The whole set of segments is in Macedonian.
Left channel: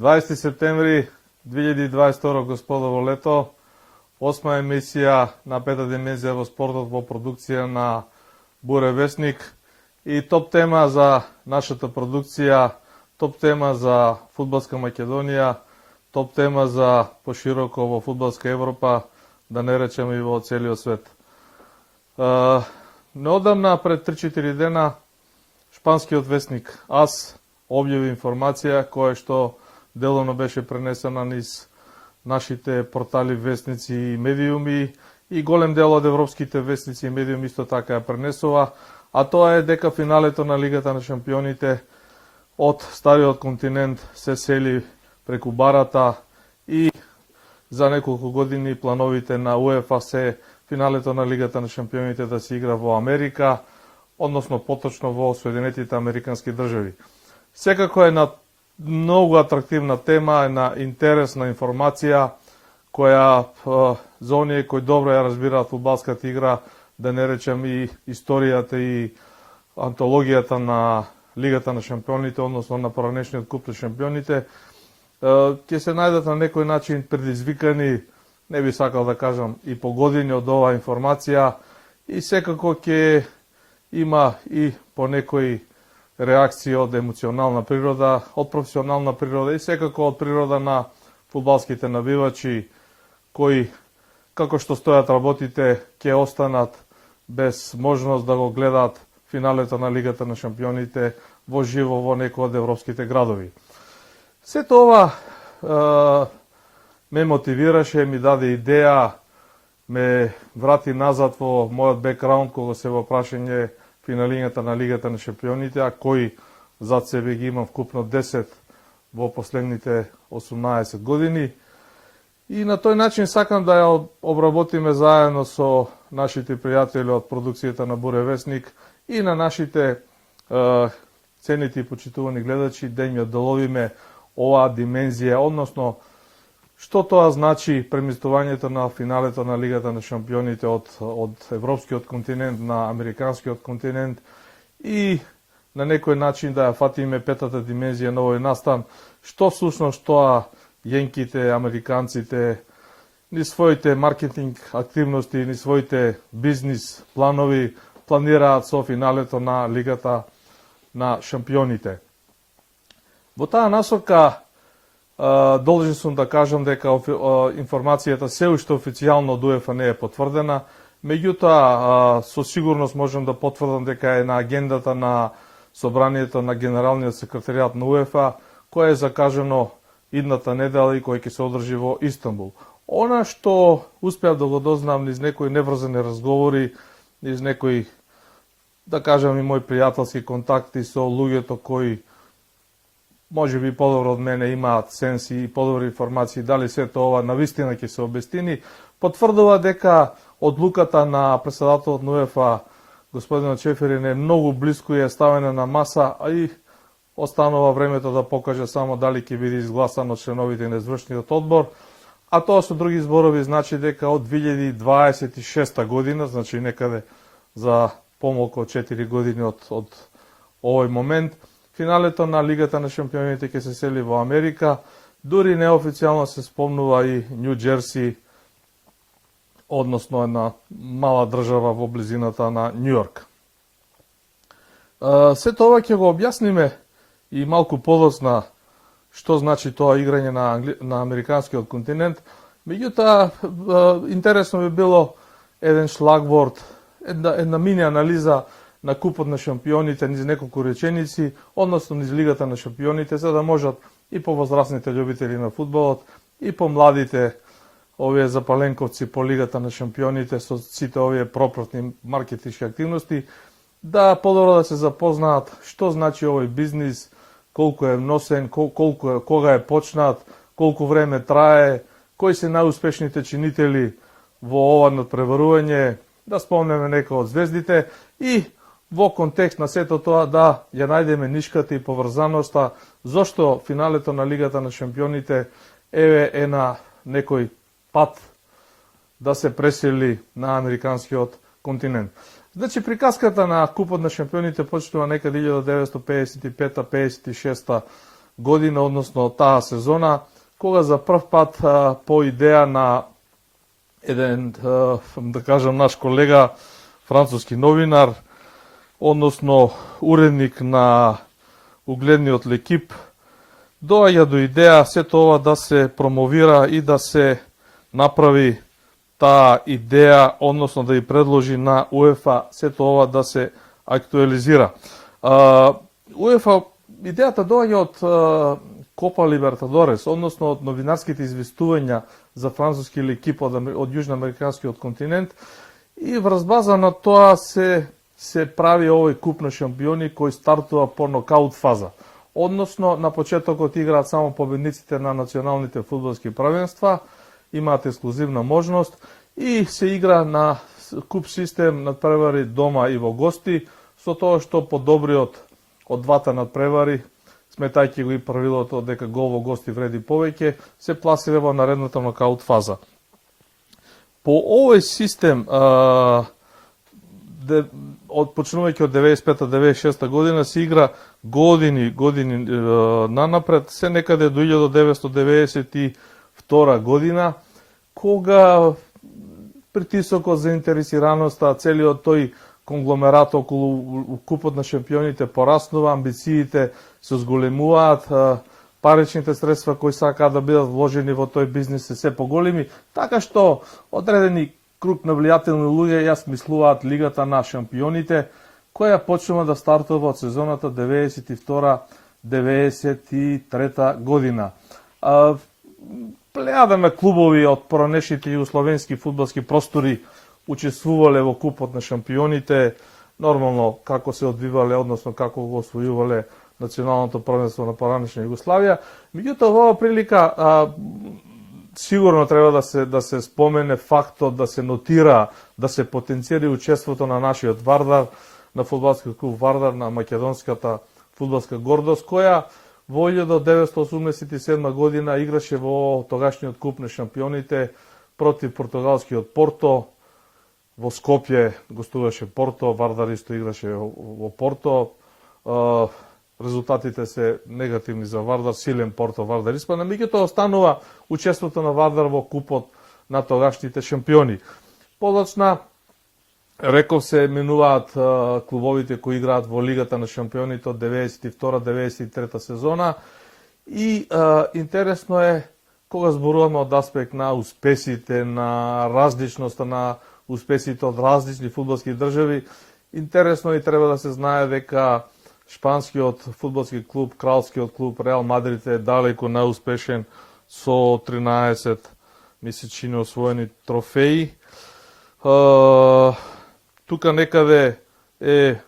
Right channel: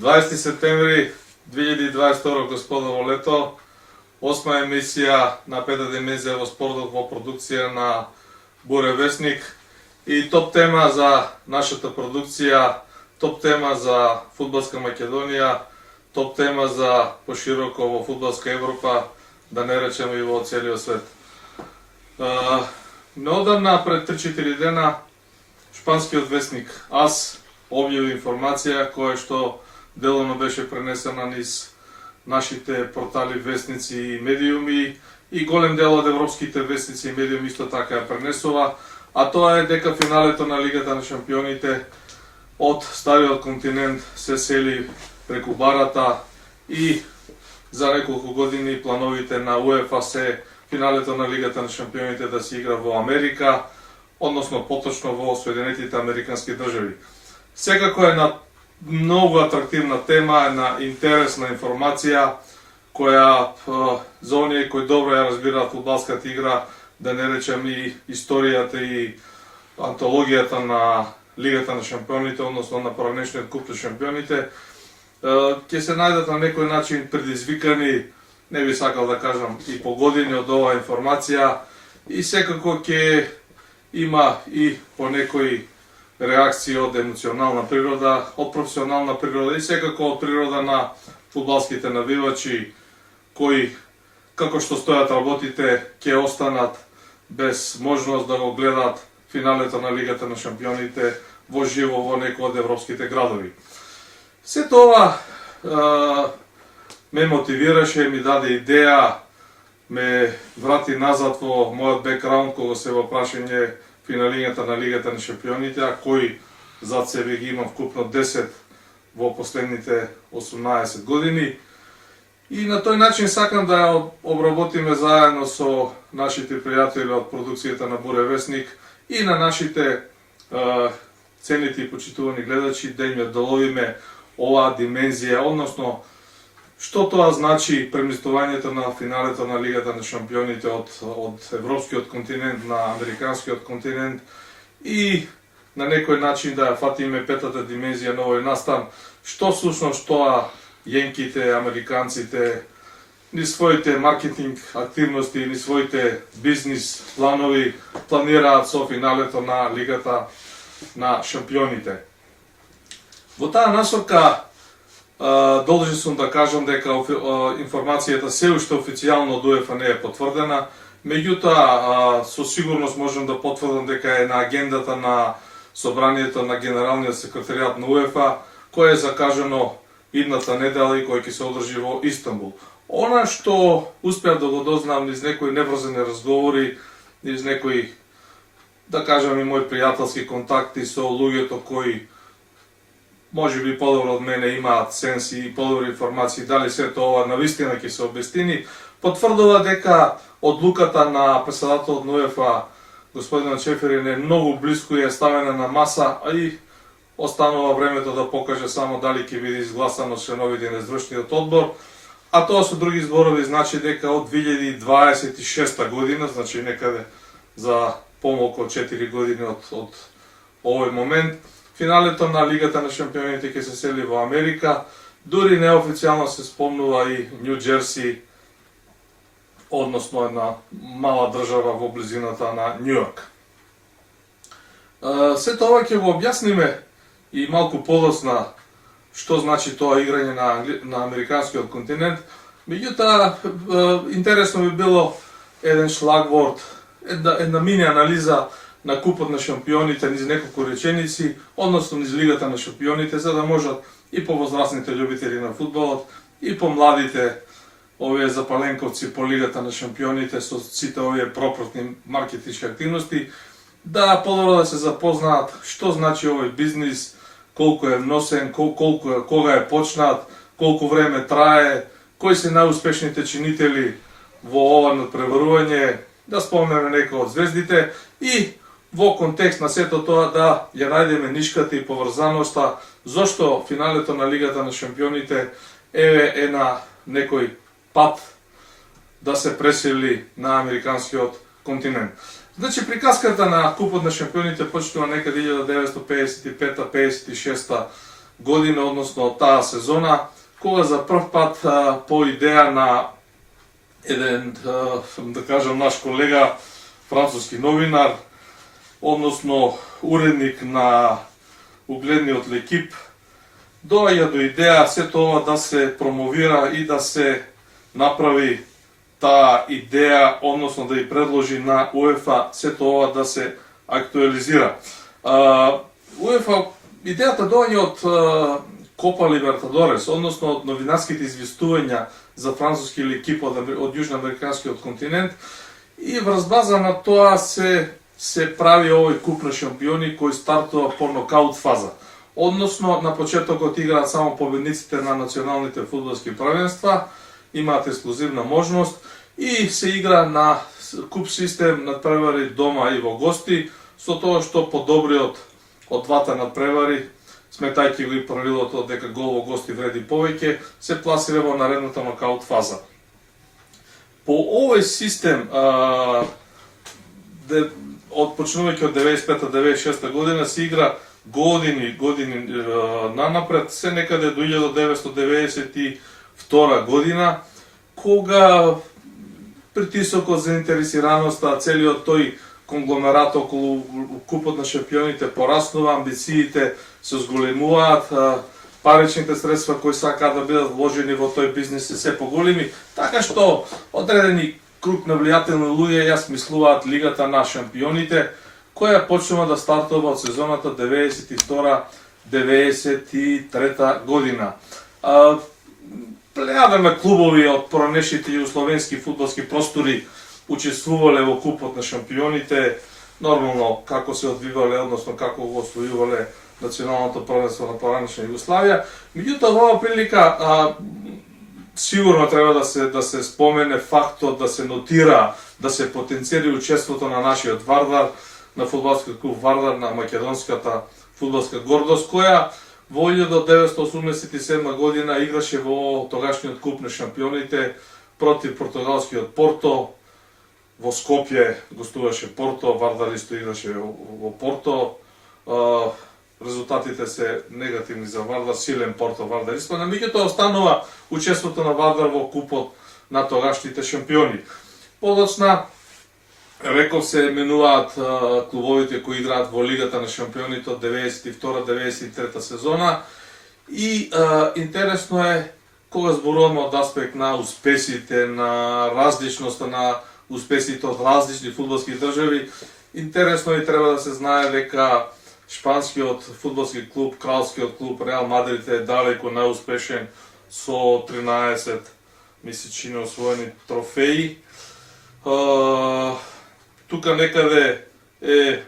20 септември 2022 господово лето, 8 емисија на Пета димензија во спортот во продукција на Буре Весник и топ тема за нашата продукција, топ тема за фудбалска Македонија, топ тема за пошироко во фудбалска Европа, да не речеме и во целиот свет. Неодамна, пред 3-4 дена, шпанскиот весник АС објави информација која што делоно беше пренесена низ нашите портали, вестници и медиуми, и голем дел од европските вестници и медиуми исто така ја пренесува, а тоа е дека финалето на Лигата на шампионите од стариот континент се сели преку барата и за неколку години плановите на УЕФА се финалето на Лигата на шампионите да се игра во Америка, односно поточно во Соединетите Американски држави. Секако е на многу атрактивна тема, една интересна информација која за оние кои добро ја разбираат фудбалската игра, да не речем и историјата и антологијата на Лигата на шампионите, односно на поранешниот куп на шампионите, ќе се најдат на некој начин предизвикани, не би сакал да кажам, и по години од оваа информација, и секако ќе има и по некои реакција од емоционална природа, од професионална природа и секако од природа на фудбалските навивачи, кои, како што стојат работите, ќе останат без можност да го гледаат финалето на Лигата на шампионите во живо во некој од европските градови. Сето ова ме мотивираше, ми даде идеја, ме врати назад во мојот бекграунд кога се во прашање финалињата на Лигата на шампионите, а кои зад себе ги имам вкупно 10 во последните 18 години. И на тој начин сакам да ја обработиме заедно со нашите пријатели од продукцијата на Буре Весник и на нашите цените и почитувани гледачи, да им ја доловиме оваа димензија, односно што тоа значи преместувањето на финалето на Лигата на шампионите од европскиот континент на американскиот континент и на некој начин да ја фатиме петата димензија на овој настан, што всушност тоа јенките, американците, ни своите маркетинг активности, ни своите бизнис планови планираат со финалето на Лигата на шампионите. Во таа насока должен сум да кажам дека информацијата се уште официјално од УЕФА не е потврдена, меѓутоа со сигурност можам да потврдам дека е на агендата на собранието на Генералниот секретаријат на УЕФА, кое е закажано идната недела и кој ќе се одржи во Истанбул. Она што успеав да го дознам низ некои неврзани разговори, низ некои, да кажам, и мои пријателски контакти со луѓето кои може би подобро од мене имаат сенси и подобри информации дали сето ова навистина ќе се обестини, потврдува дека одлуката на председателот на УЕФА господинот Чеферин е многу близко и е ставена на маса, а и останува времето да покаже само дали ќе биде изгласано членовите на извршниот одбор, а тоа со други зборови значи дека од 2026 година, значи некаде за помалку од 4 години од овој момент, финалето на Лигата на шампионите ќе се сели во Америка, дури неофицијално се спомнува и Нью Џерси, односно една мала држава во близината на Њујорк. Сето ова ќе го објасниме и малку подоцна што значи тоа играње на американскиот континент. Меѓутоа, интересно би било еден шлагворд, една мини анализа на купот на шампионите низ неколку реченици, односно низ Лигата на шампионите, за да можат и повозрастните љубители на фудбалот, и помладите овие запаленковци по Лигата на шампионите со сите овие пропратни маркетички активности, да подобро да се запознаат што значи овој бизнис, колку е носен, кога е почнат, колку време трае, кои се најуспешните чинители во ова надпреварување, да спомнеме некои од звездите и во контекст на сето тоа да ја најдеме нишката и поврзаноста зошто финалето на Лигата на шампионите е на некој пат да се пресели на американскиот континент. Значи, приказката на купот на шампионите почнува некаде 1955-56 година, односно таа сезона, кога за прв пат по идеја на еден, да кажам, наш колега, француски новинар, односно уредник на угледниот Лекип, доаѓа до идеја сето ова да се промовира и да се направи таа идеја, односно да ја предложи на УЕФА сето ова да се актуализира. УЕФА, идејата доаѓа од Копа Либертадорес, односно од новинарските известувања за француски Лекип од јужноамериканскиот континент, и врз база на тоа се прави овој куп на шампиони кој стартува по нокаут фаза. Односно, на почетокот играат само победниците на националните фудбалски правенства, имаат ексклузивна можност и се игра на куп систем надпревари дома и во гости, со тоа што подобриот од двата надпревари, сметајќи го и правилото дека гол во гости вреди повеќе, се пласира во наредната нокаут фаза. По овој систем, почнувајќи од 95-96 година, се игра години нанапред, се некаде до 1992 година, кога притисокот за интересираноста, целиот тој конгломерат околу купот на шампионите пораснува, амбициите се зголемуваат, паричните средства кои сакаат да бидат вложени во тој бизнис се поголеми, така што одредени круг на влијателни луѓе ја смислуваат Лигата на шампионите, која почнува да стартува од сезоната 92-93 година. Плејада клубови од поранешните југословенски фудбалски простори учествувале во купот на шампионите, нормално како се одвивале, односно како го освојувале националното првенство на поранешна Југославија. Меѓутоа, во оваа прилика сигурно треба да се спомене фактот, да се нотира, да се потенцира учеството на нашиот Вардар, на фудбалскиот клуб Вардар, на македонската фудбалска гордост, која во 1987 година играше во тогашниот куп на шампионите против португалскиот Порто. Во Скопје гостуваше Порто, Вардар исто играше во Порто. Резултатите се негативни за Вардар, силен Порто, Вардар испадна, меѓутоа останува учеството на Вардар во купот на тогашните шампиони. Подоцна, реков, се менуваат клубовите кои играат во Лигата на шампионите од 92-93 сезона, и интересно е кога зборуваме од аспект на успесите, на различноста на успесите од различни фудбалски држави. Интересно и треба да се знае дека шпанскиот фудбалски клуб, кралскиот клуб Реал Мадрид е далеку најуспешен со 13 месечини освоени трофеи. Тука некаде е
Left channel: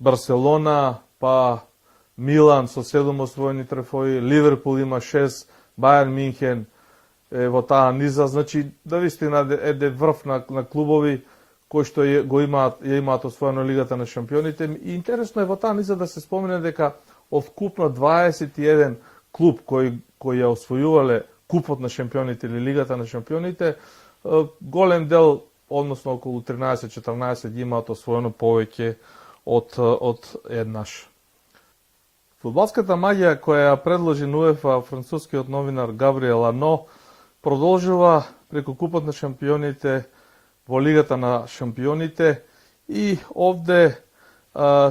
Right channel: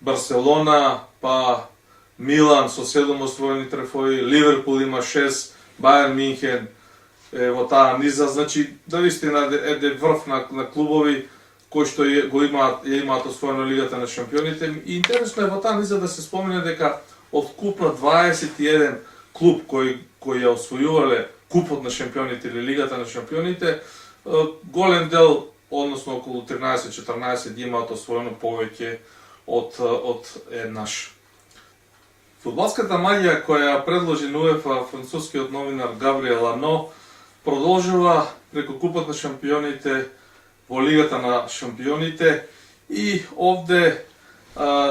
Барселона, па Милан со 7 освоени трофеи, Ливерпул има 6, Бајерн Минхен е во таа низа, значи навистина е врв на клубови кои што ја имаат освоено Лигата на шампионите. И интересно е во таа низа да се спомене дека од купно 21 клуб кои ја освојувале купот на шампионите или Лигата на шампионите, голем дел, односно околу 13-14, ги имаат освоено повеќе од еднаш. Фудбалската магија која предложи на УЕФА францускиот новинар Габриел Ано продолжува преку купот на шампионите во Лигата на шампионите, и овде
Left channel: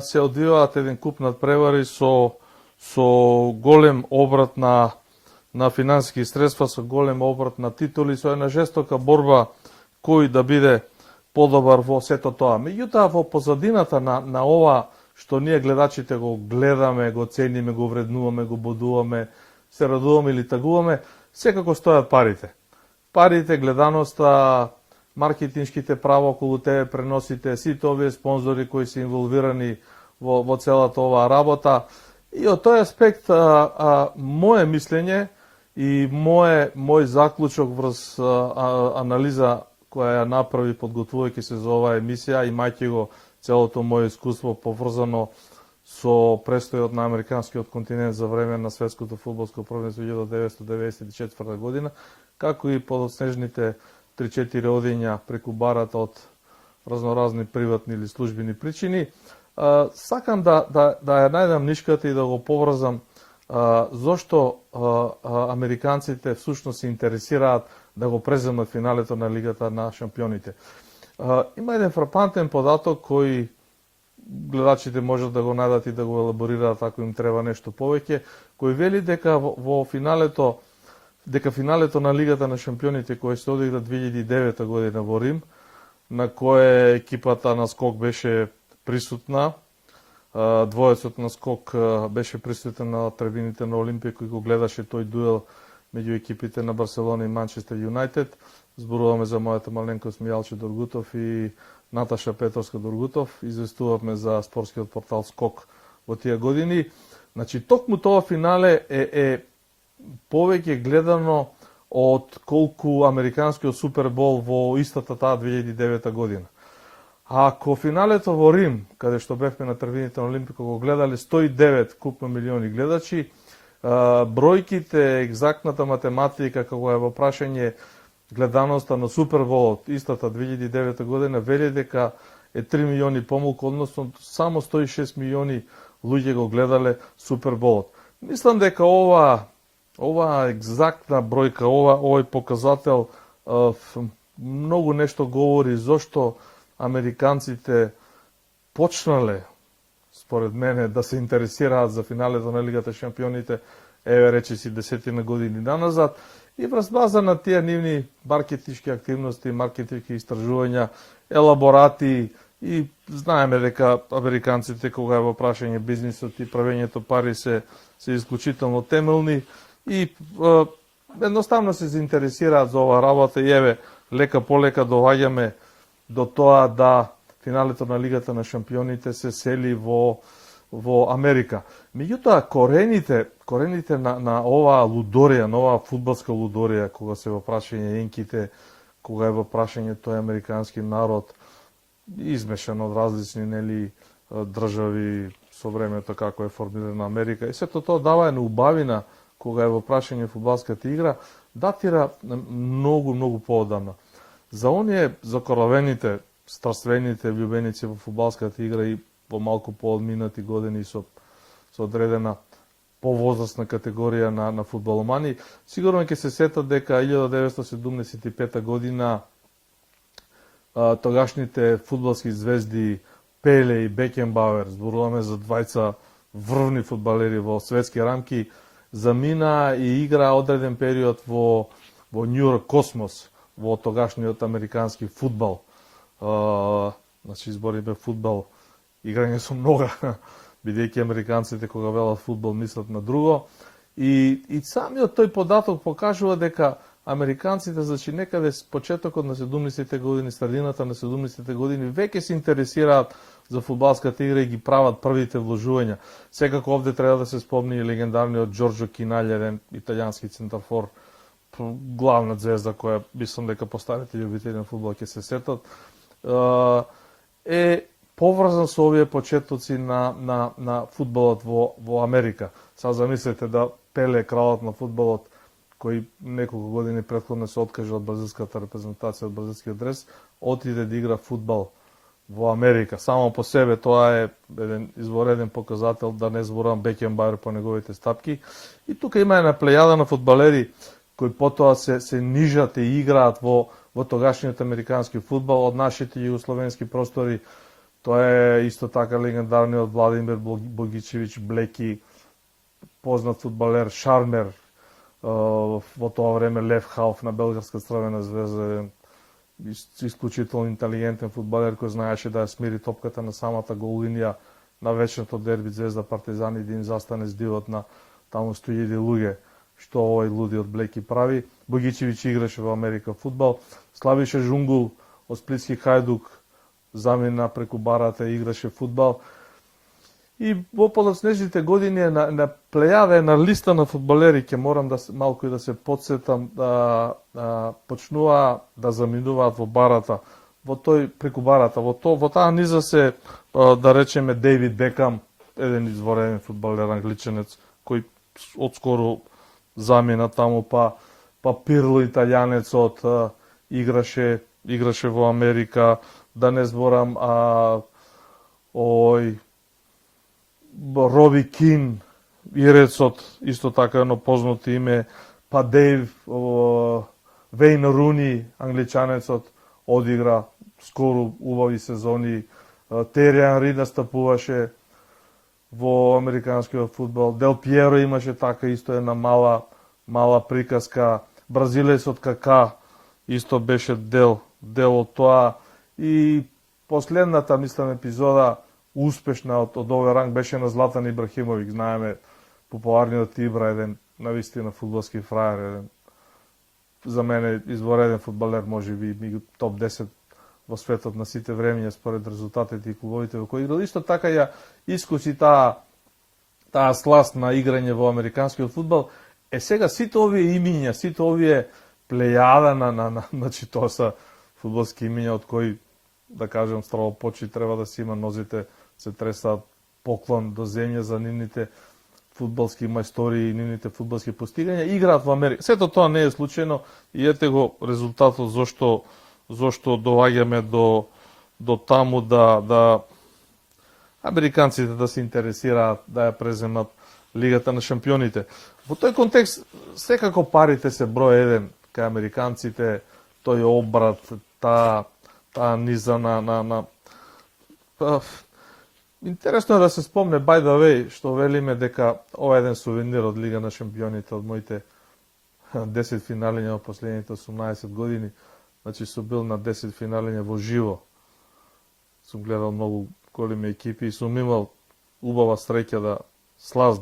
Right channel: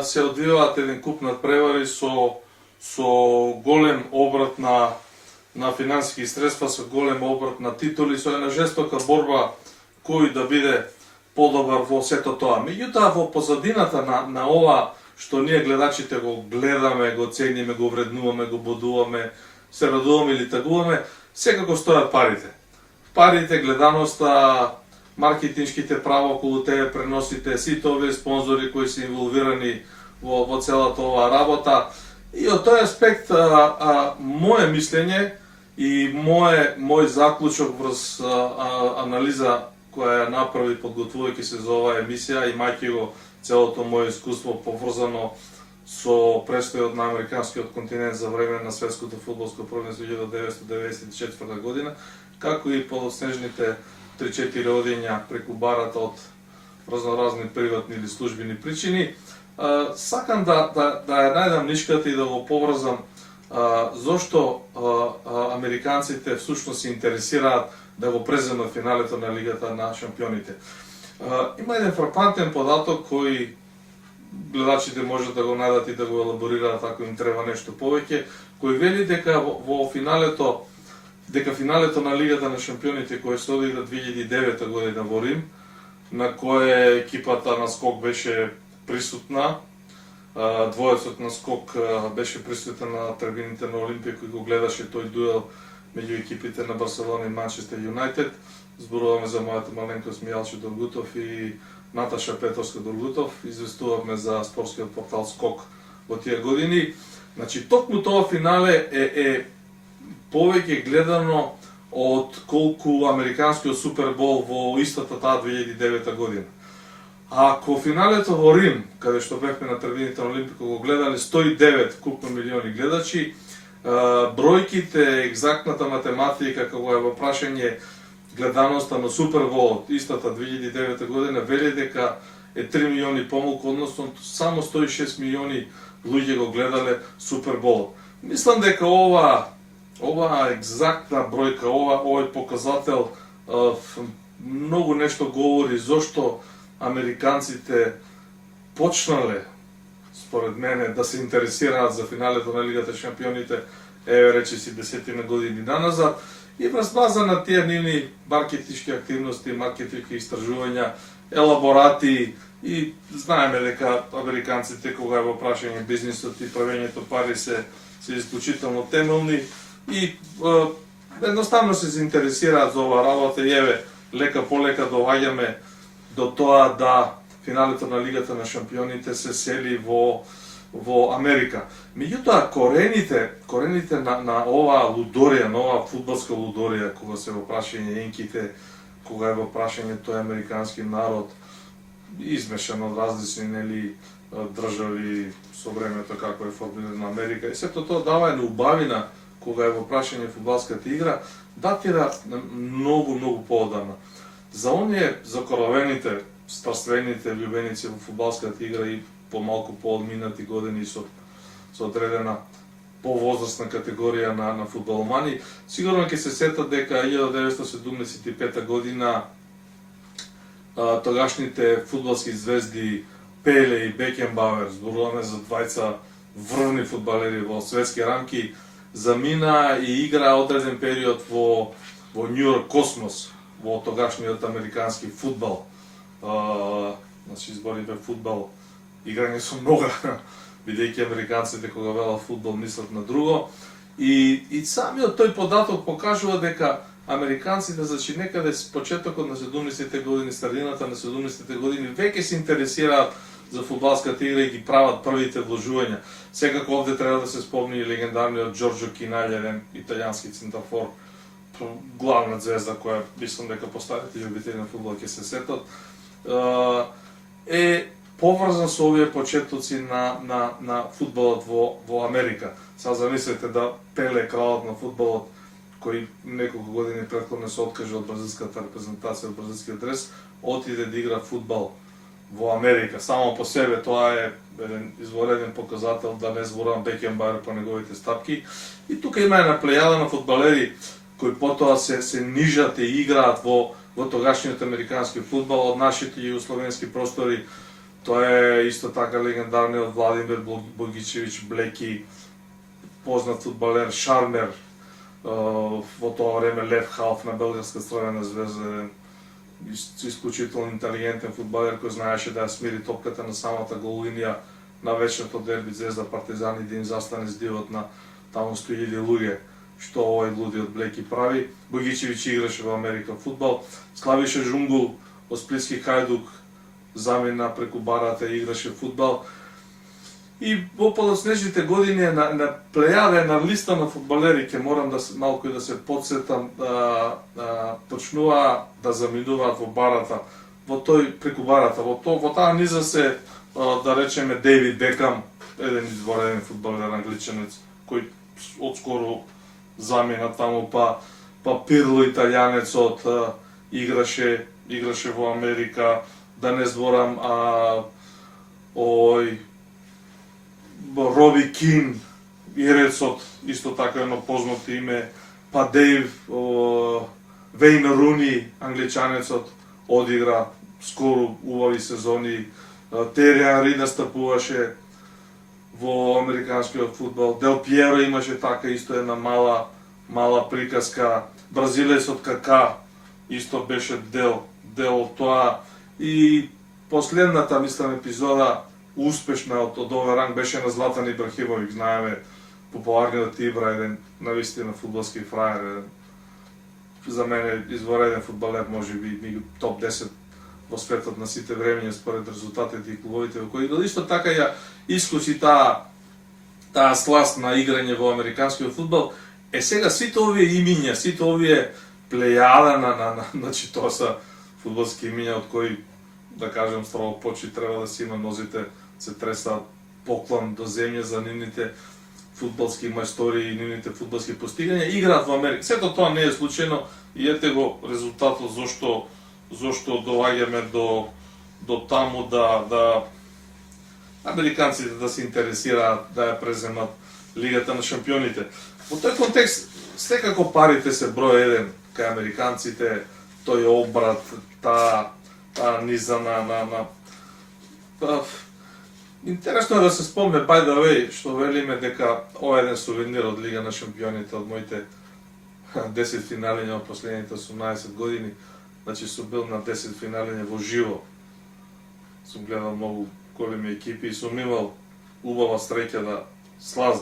се одвиваат еден куп надпревари со голем обрат на финансиски средства, со голем обрат на титули, со една жестока борба кој да биде подобар во сето тоа. Меѓутоа, во позадината на ова што ние гледачите го гледаме, го цениме, го вреднуваме, го будуваме, се радуваме или тагуваме, секако стојат парите. Парите, гледаноста, маркетиншките права околу тебе, преносите, сите овие спонзори кои се инволвирани во целата оваа работа. И од тој аспект, моје мислење и мој заклучок врз анализа која ја направи подготвувајќи се за оваа емисија, имајќи го целото моје искуство поврзано со престојот на американскиот континент за време на светското фудбалско првенство 1994 година, како и подоснежните 3-4 одења преку барата од разноразни приватни или службени причини. Сакам да ја најдам нишката и да го поврзам зошто американците всушност се интересираат да го преземат финалето на Лигата на шампионите. Има еден фрапантен податок кој гледачите можат да го најдат и да го елаборираат ако им треба нешто повеќе, кој вели дека финалето на Лигата на шампионите кој се одигра 2009 година во Рим, на кое екипата на скок беше присутна, двоецот на скок беше присутен на трибините на Олимпија кој го гледаше тој дуел меѓу екипите на Барселона и Манчестер Юнайтед. Зборуваме за мојата маленкост Мијалче Доргутов и Наташа Петровска-Доргутов. Известувавме за спортскиот портал Скок во тие години. Значи, токму тоа финале е повеќе гледано од колку американскиот Супербол во истата таа 2009 година. Ако финалето во Рим, каде што бевме на трибините на Олимпико, го гледале 109 купно милиони гледачи, бројките, екзактната математика, кога е во прашање гледаноста на Суперболот, истата 2009 година, вели дека е 3 милиони помалку, односно само 106 милиони луѓе го гледале Суперболот. Мислам дека ова екзактна бројка, овој показател многу нешто говори зошто американците почнале, според мене, да се интересираат за финалето на Лигата шампионите, речиси 10 години наназад, и врз база на тие нивни маркетички активности, маркетички истражувања, елаборати, и знаеме дека американците кога е во прашање бизнисот и правењето пари се исклучително темелни и едноставно се заинтересираат за ова работа и еве лека полека доваѓаме до тоа да финалето на Лигата на шампионите се сели во Америка. Меѓутоа, корените на оваа лудорија, на оваа фудбалска лудорија, кога се во прашање инките, кога е во прашање тој американски народ, измешан од различни држави со времето како е формирана Америка, и сето тоа дава една убавина кога е во прашање фудбалската игра, датира многу поодамна. За оние закоравените, старствените љубеници во фудбалската игра и во малку поодминати години со одредена повозрастна категорија на фудбаломани, сигурно ќе се сетат дека 1975 година тогашните фудбалски звезди Пеле и Бекенбауер, зборуваме за двајца врвни фудбалери во светски рамки, замина и игра одреден период во Њујорк Космос, во тогашниот американски фудбал. Значи, збориме фудбал, играње со нога, бидејќи американците кога велат фудбал мислат на друго. И самиот тој податок покажува дека американците, значи некаде с почетокот на 70-те години, средината на 70-те години, веќе се интересираат за фудбалската игра и ги прават првите вложувања. Секако овде треба да се спомни легендарниот Џорџо Кинаље, италијански центарфор, главна звезда која мислам дека постарите љубители на фудбал ќе се сетат, е поврзан со овие почетоци на фудбалот во Америка. Сега замислете да Пеле, кралот на фудбалот, кој неколку години претходно се откажа од бразилската репрезентација, од бразилскиот дрес, отиде да игра фудбал во Америка. Само по себе тоа е еден извореден показател, да не зборам Бекенбауер по неговите стапки. И тука има една плејада на фудбалери кои потоа се нижат и играат во тогашниот американски фудбал од нашите југословенски простори. Тоа е исто така легендарниот Владимир Богичевич Блеки, познат фудбалер, шармер, во тоа време лев халф на белградска Црвена звезда, исклучително интелигентен фудбалер кој знаеше да ја смири топката на самата гол линија на вечерто дерби Звезда Партизан и да им застане здивот на таму 100.000 луѓе, што овој лудиот Блеки прави. Богичевич играше во Америка фудбал. Славиша Жунгул од Сплитски Хајдук замина преку барата и играше фудбал. И во подоцнежните години на плејада, на листа на фудбалери, ќе морам малку и да се подсетам, почнува да заминуваат во барата, преку барата, во таа низа се, да речеме, Дейвид Бекам, еден извореден фудбалер англичанец, кој одскоро замина таму, па Пирло италијанецот играше во Америка, да не зборам Роби Кин, Ирецот, исто така едно познато име, па Дейв, Вейн Руни, англичанецот, одигра скоро убави сезони, Тери Анри настапуваше во американскиот фудбал, Дел Пиеро имаше така исто една мала приказка, бразилецот Кака исто беше дел од тоа, и последната, мислам, епизода успешна од овој ранг беше на Златан Ибрахимовиќ, знаеме, популарниот Ибра, еден навистина фудбалски фраер, еден, за мене извореден фудбалер, може би топ 10 во светот на сите времиња според резултатите и клубовите во кои играл. Исто така ја искуси таа сласт на играње во американскиот фудбал. Сега сите овие имиња, сите овие плејада значи тоа са фудбалски имиња од кои, да кажем, строго почит треба да си има, нозите се тресаат поклон до земја за нивните фудбалски мајстори и нивните фудбалски постигања, играат во Америка. Сето тоа не е случајно и ете го резултатот зошто доаѓаме до таму да американците да се интересираат да ја преземат Лигата на шампионите. Во тој контекст секако парите се број еден кај американците, тој обрат, таа низа на интересно е да се спомне, by the way, што велиме дека ова е еден сувенир од Лига на шампионите, од моите 10 финалиња од последните 18 години. Значи сум бил на 10 финалиња во живо. Сум гледал многу големи екипи и сум имал убава среќа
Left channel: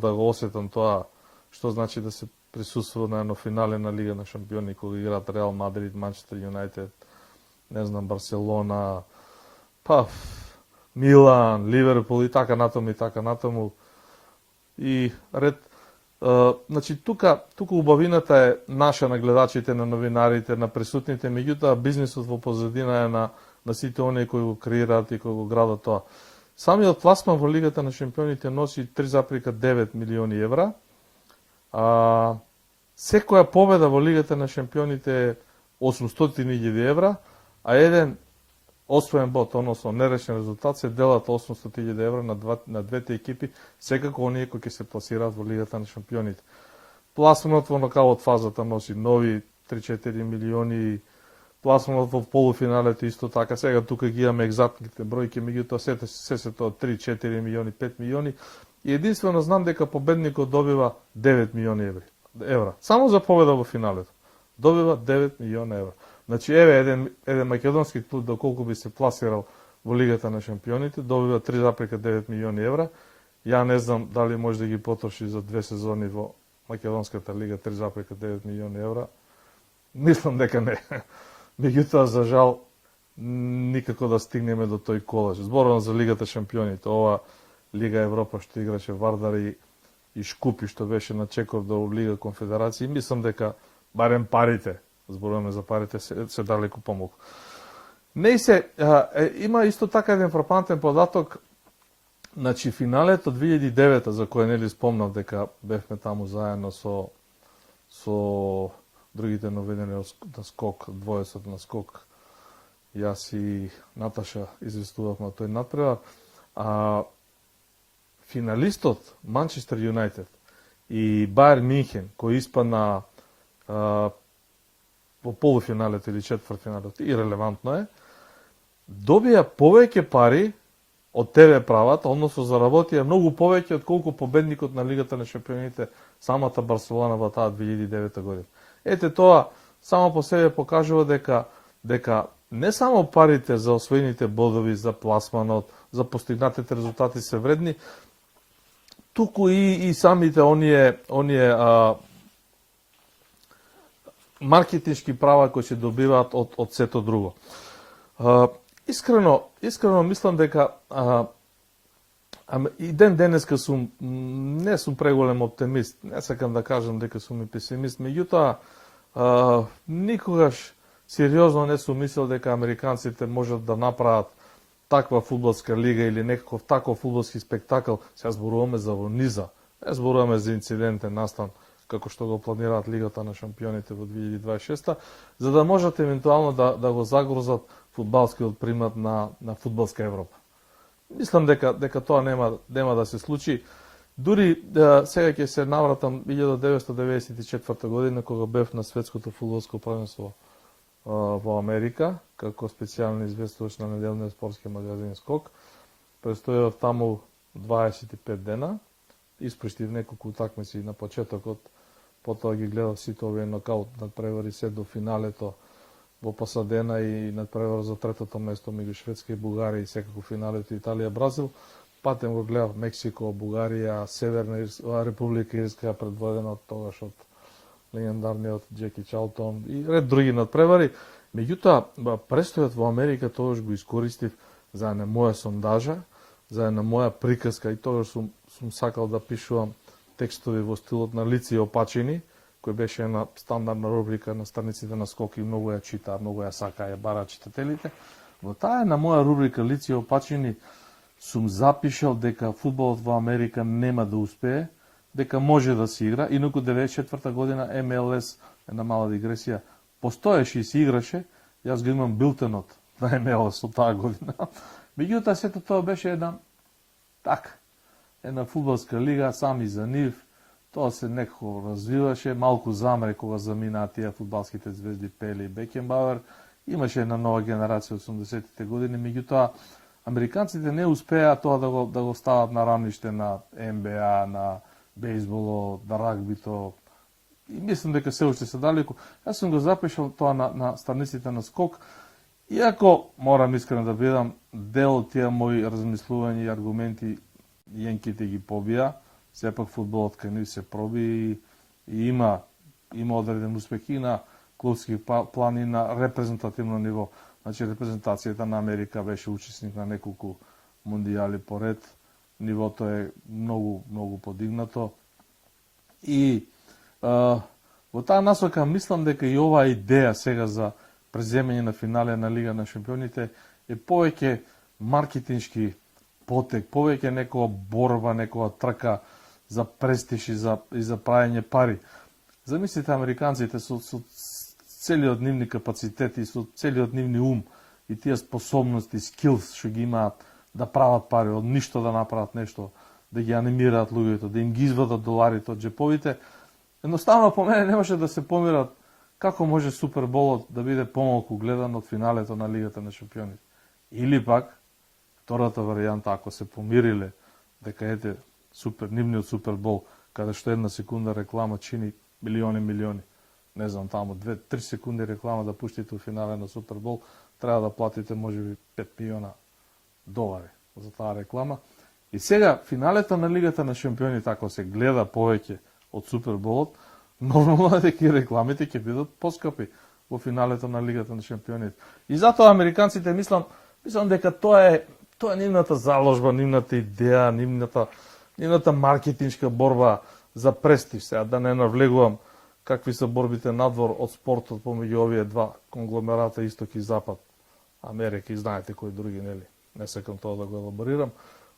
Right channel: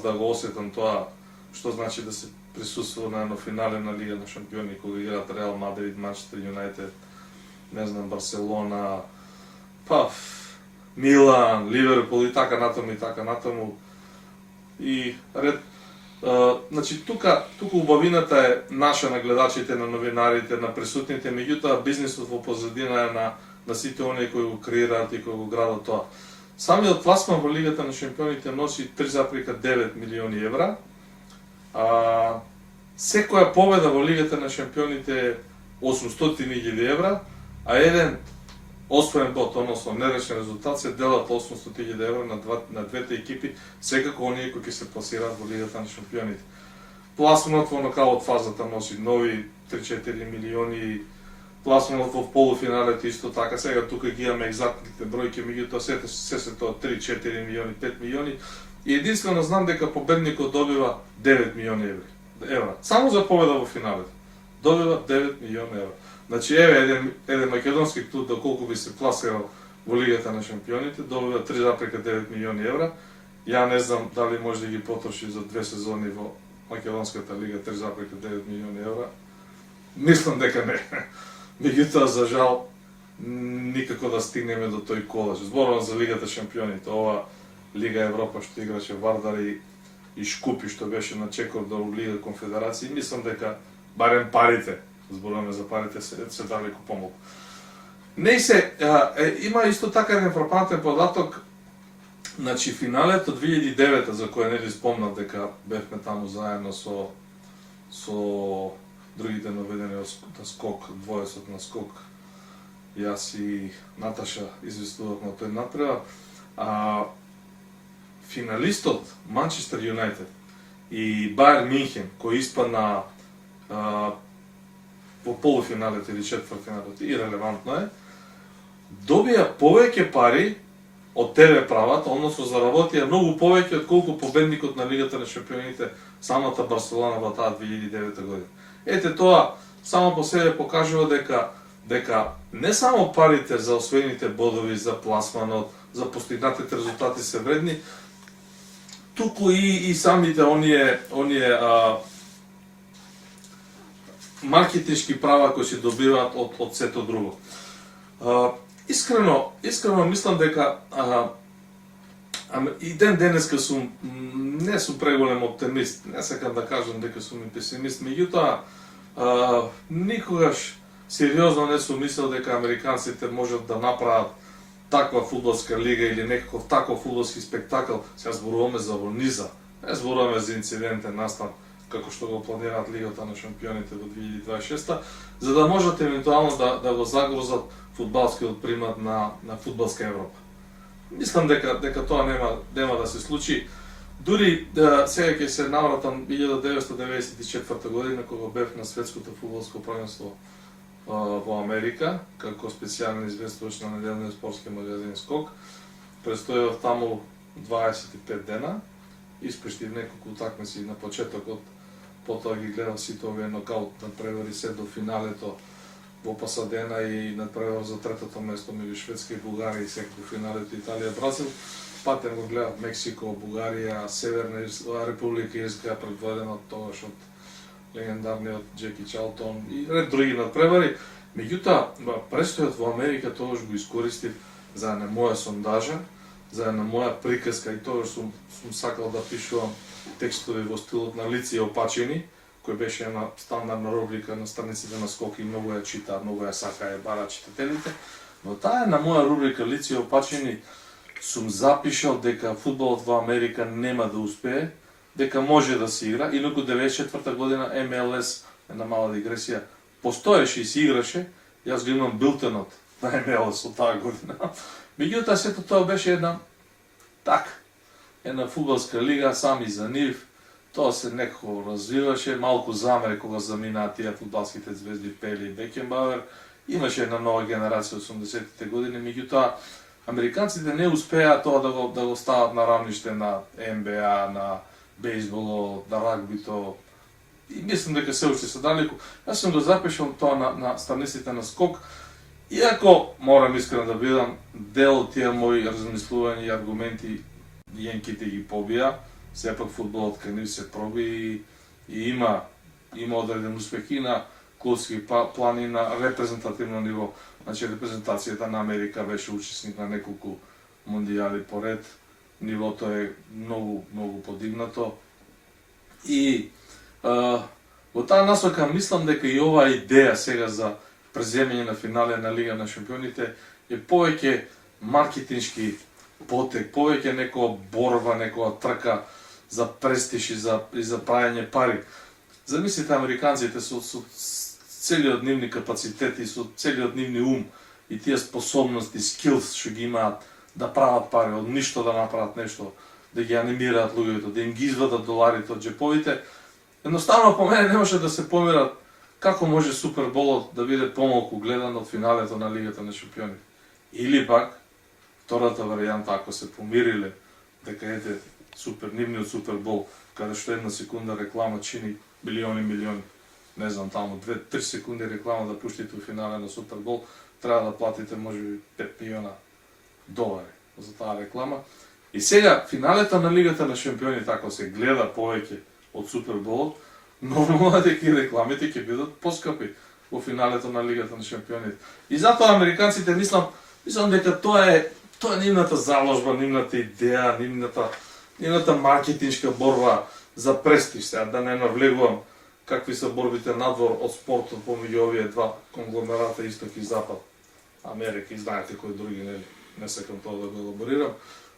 да го осетам тоа што значи да се присуствува на едно финале на Лига на шампиони, кога играат Реал Мадрид, Манчестер Юнајтед, не знам, Барселона, Милан, Ливерпул и така натаму. И ред, значи тука убавината е наша, на гледачите, на новинарите, на присутните, меѓутоа бизнисот во позадина е на сите оние кои го креираат и кои го градат тоа. Самиот пласман во Лигата на шампионите носи 3,9 милиони евра. Секоја победа во Лигата на шампионите е 800.000 евра, а еден освоен бод, односно нерешен резултат, се делат 800.000 евра на двете екипи, секако оние кои ќе се пласираат во Лигата на шампионите. Пласманот во нокаут фазата носи нови 3-4 милиони, пласманот во полуфиналите исто така. Сега тука ги имаме екзактните бројки, меѓутоа се тоа 3-4 милиони, 5 милиони. И единствено знам дека победникот добива 9 милиони евра. Само за победа во финалето. Добива 9 милиона евра. Значи, еден македонски клуб, доколку би се пласирал во Лигата на шампионите, добива 3,9 милиони евра. Ја не знам дали може да ги потроши за 2 сезони во Македонската лига 3,9 милиони евра. Мислам дека не. Меѓутоа, за жал, никако да стигнеме до тој колеж. Зборувам за Лигата шампионите, ова Лига Европа што играше Вардар и Шкупи, што беше на чекор до Лига Конфедерација. Мислам дека барем парите, зборуваме за парите, се далеку помалку. Не се, има исто така еден фрапантен податок. Значи, финалето 2009 за кој не ли спомнав дека бевме таму заедно со другите наведени на скок, двоесот на скок. Јас и Наташа известував на тој надпревар. Финалистот Манчестер Юнајтед и Бајерн Мюнхен, кој испадна во полуфиналето или четвртфиналето, ирелевантно е, добија повеќе пари од ТВ правата, односно заработија многу повеќе од колку победникот на Лигата на шампионите самата Барселона во таа 2009 година. Ете, тоа само по себе покажува дека не само парите за освоените бодови, за пласманот, за постигнатите резултати се вредни, туку и самите оние маркетиншки права кои се добиваат од сето друго. Искрено мислам дека и денеска не сум преголем оптимист, не сакам да кажам дека сум и песимист, меѓутоа никогаш сериозно не сум мислел дека американците можат да направат таква фудбалска лига или некаков таков фудбалски спектакл. Сега зборуваме за низа, не зборуваме за инцидентен настан како што го планираат Лигата на шампионите во 2026, за да можат евентуално да го загрозат фудбалскиот примат на фудбалска Европа. Мислам дека тоа нема да се случи. Дури сега ќе се навратам 1994 година кога бев на светското фудбалско првенство во Америка како специјален известувач на неделниот спортски магазин Скок. Престојав таму 25 дена, испуштив неколку утакмици на почетокот, потоа ги гледав сите овие нокаут надпревари се до финалето во Пасадена и надпревар за третото место меѓу Шведска и Бугарија и секако финалето Италија-Бразил. Патем го гледав Мексико, Бугарија, Северна Република Ирска предводена од тогаш од легендарниот Джеки Чалтон и ред други надпревари. Меѓутоа, престојот во Америка тогаш го искористив за една моја сондажа, за една моја приказка и тогаш сум сакал да пишувам текстови во стилот на Лици и опачени, кој беше една стандардна рубрика на страниците на Скок и многу ја чита, многу ја сака ја бара читателите. Во таа една моја рубрика Лици и опачени сум запишал дека фудбалот во Америка нема да успее, дека може да се игра, инаку 94 година МЛС, една мала дигресија, постоеше и се играше, јас го имам билтенот на МЛС од таа година. Меѓутоа сето тоа беше една фудбалска лига сами за нив, тоа се некако развиваше, малку замре кога заминаа тие фудбалските звезди Пеле и Бекенбауер, имаше една нова генерација од 80-тите години, меѓутоа американците не успеа тоа да го стават на рамниште на НБА, на бейсболо, на рагбито. И мислам дека се уште се далеку. Јас сум го запишал тоа на страниците на Скок. Иако, морам искрено да бидам, дел од тие мои размислувања и аргументи јенките ги побија. Сепак фудбалот кај нив се проби и има одреден успех и на клубски план и на репрезентативно ниво. Значи, репрезентацијата на Америка беше учесник на неколку мондијали поред. Нивото е многу, многу подигнато. И во таа насока мислам дека и оваа идеја сега за преземање на финале на Лига на шампионите е повеќе маркетиншки потек, повеќе некоја борба, некоја трка за престиж и за правење пари. Замислите американците со целиот нивни капацитети, со целиот нивни ум и тие способности, скилс што ги имаат да прават пари, од ништо да направат нешто, да ги анимираат луѓето, да им ги извадат доларите од джеповите. Едноставно по мене не може да се помират како може Суперболот да биде помалку гледан од финалето на Лигата на шампионите. Или пак, втората варијанта, ако се помириле дека нивниот Супербол, каде што една секунда реклама чини милиони, не знам, таму 2-3 секунди реклама да пуштите у финале на Супербол, треба да платите можеби 5 милиона долари за таа реклама. И сега, финалето на Лигата на шампионите, ако се гледа повеќе од Суперболот, нормално е дека рекламите ќе бидат поскапи во финалето на Лигата на шампионите. И затоа американците мислам дека тоа е нивната заложба, нивната идеја, нивната маркетиншка борба за престиж. Сега да не навлегувам какви се борбите надвор од спортот помеѓу овие два конгломерата Исток и Запад, Америка и знаете кои други, не сакам тоа да го елаборирам.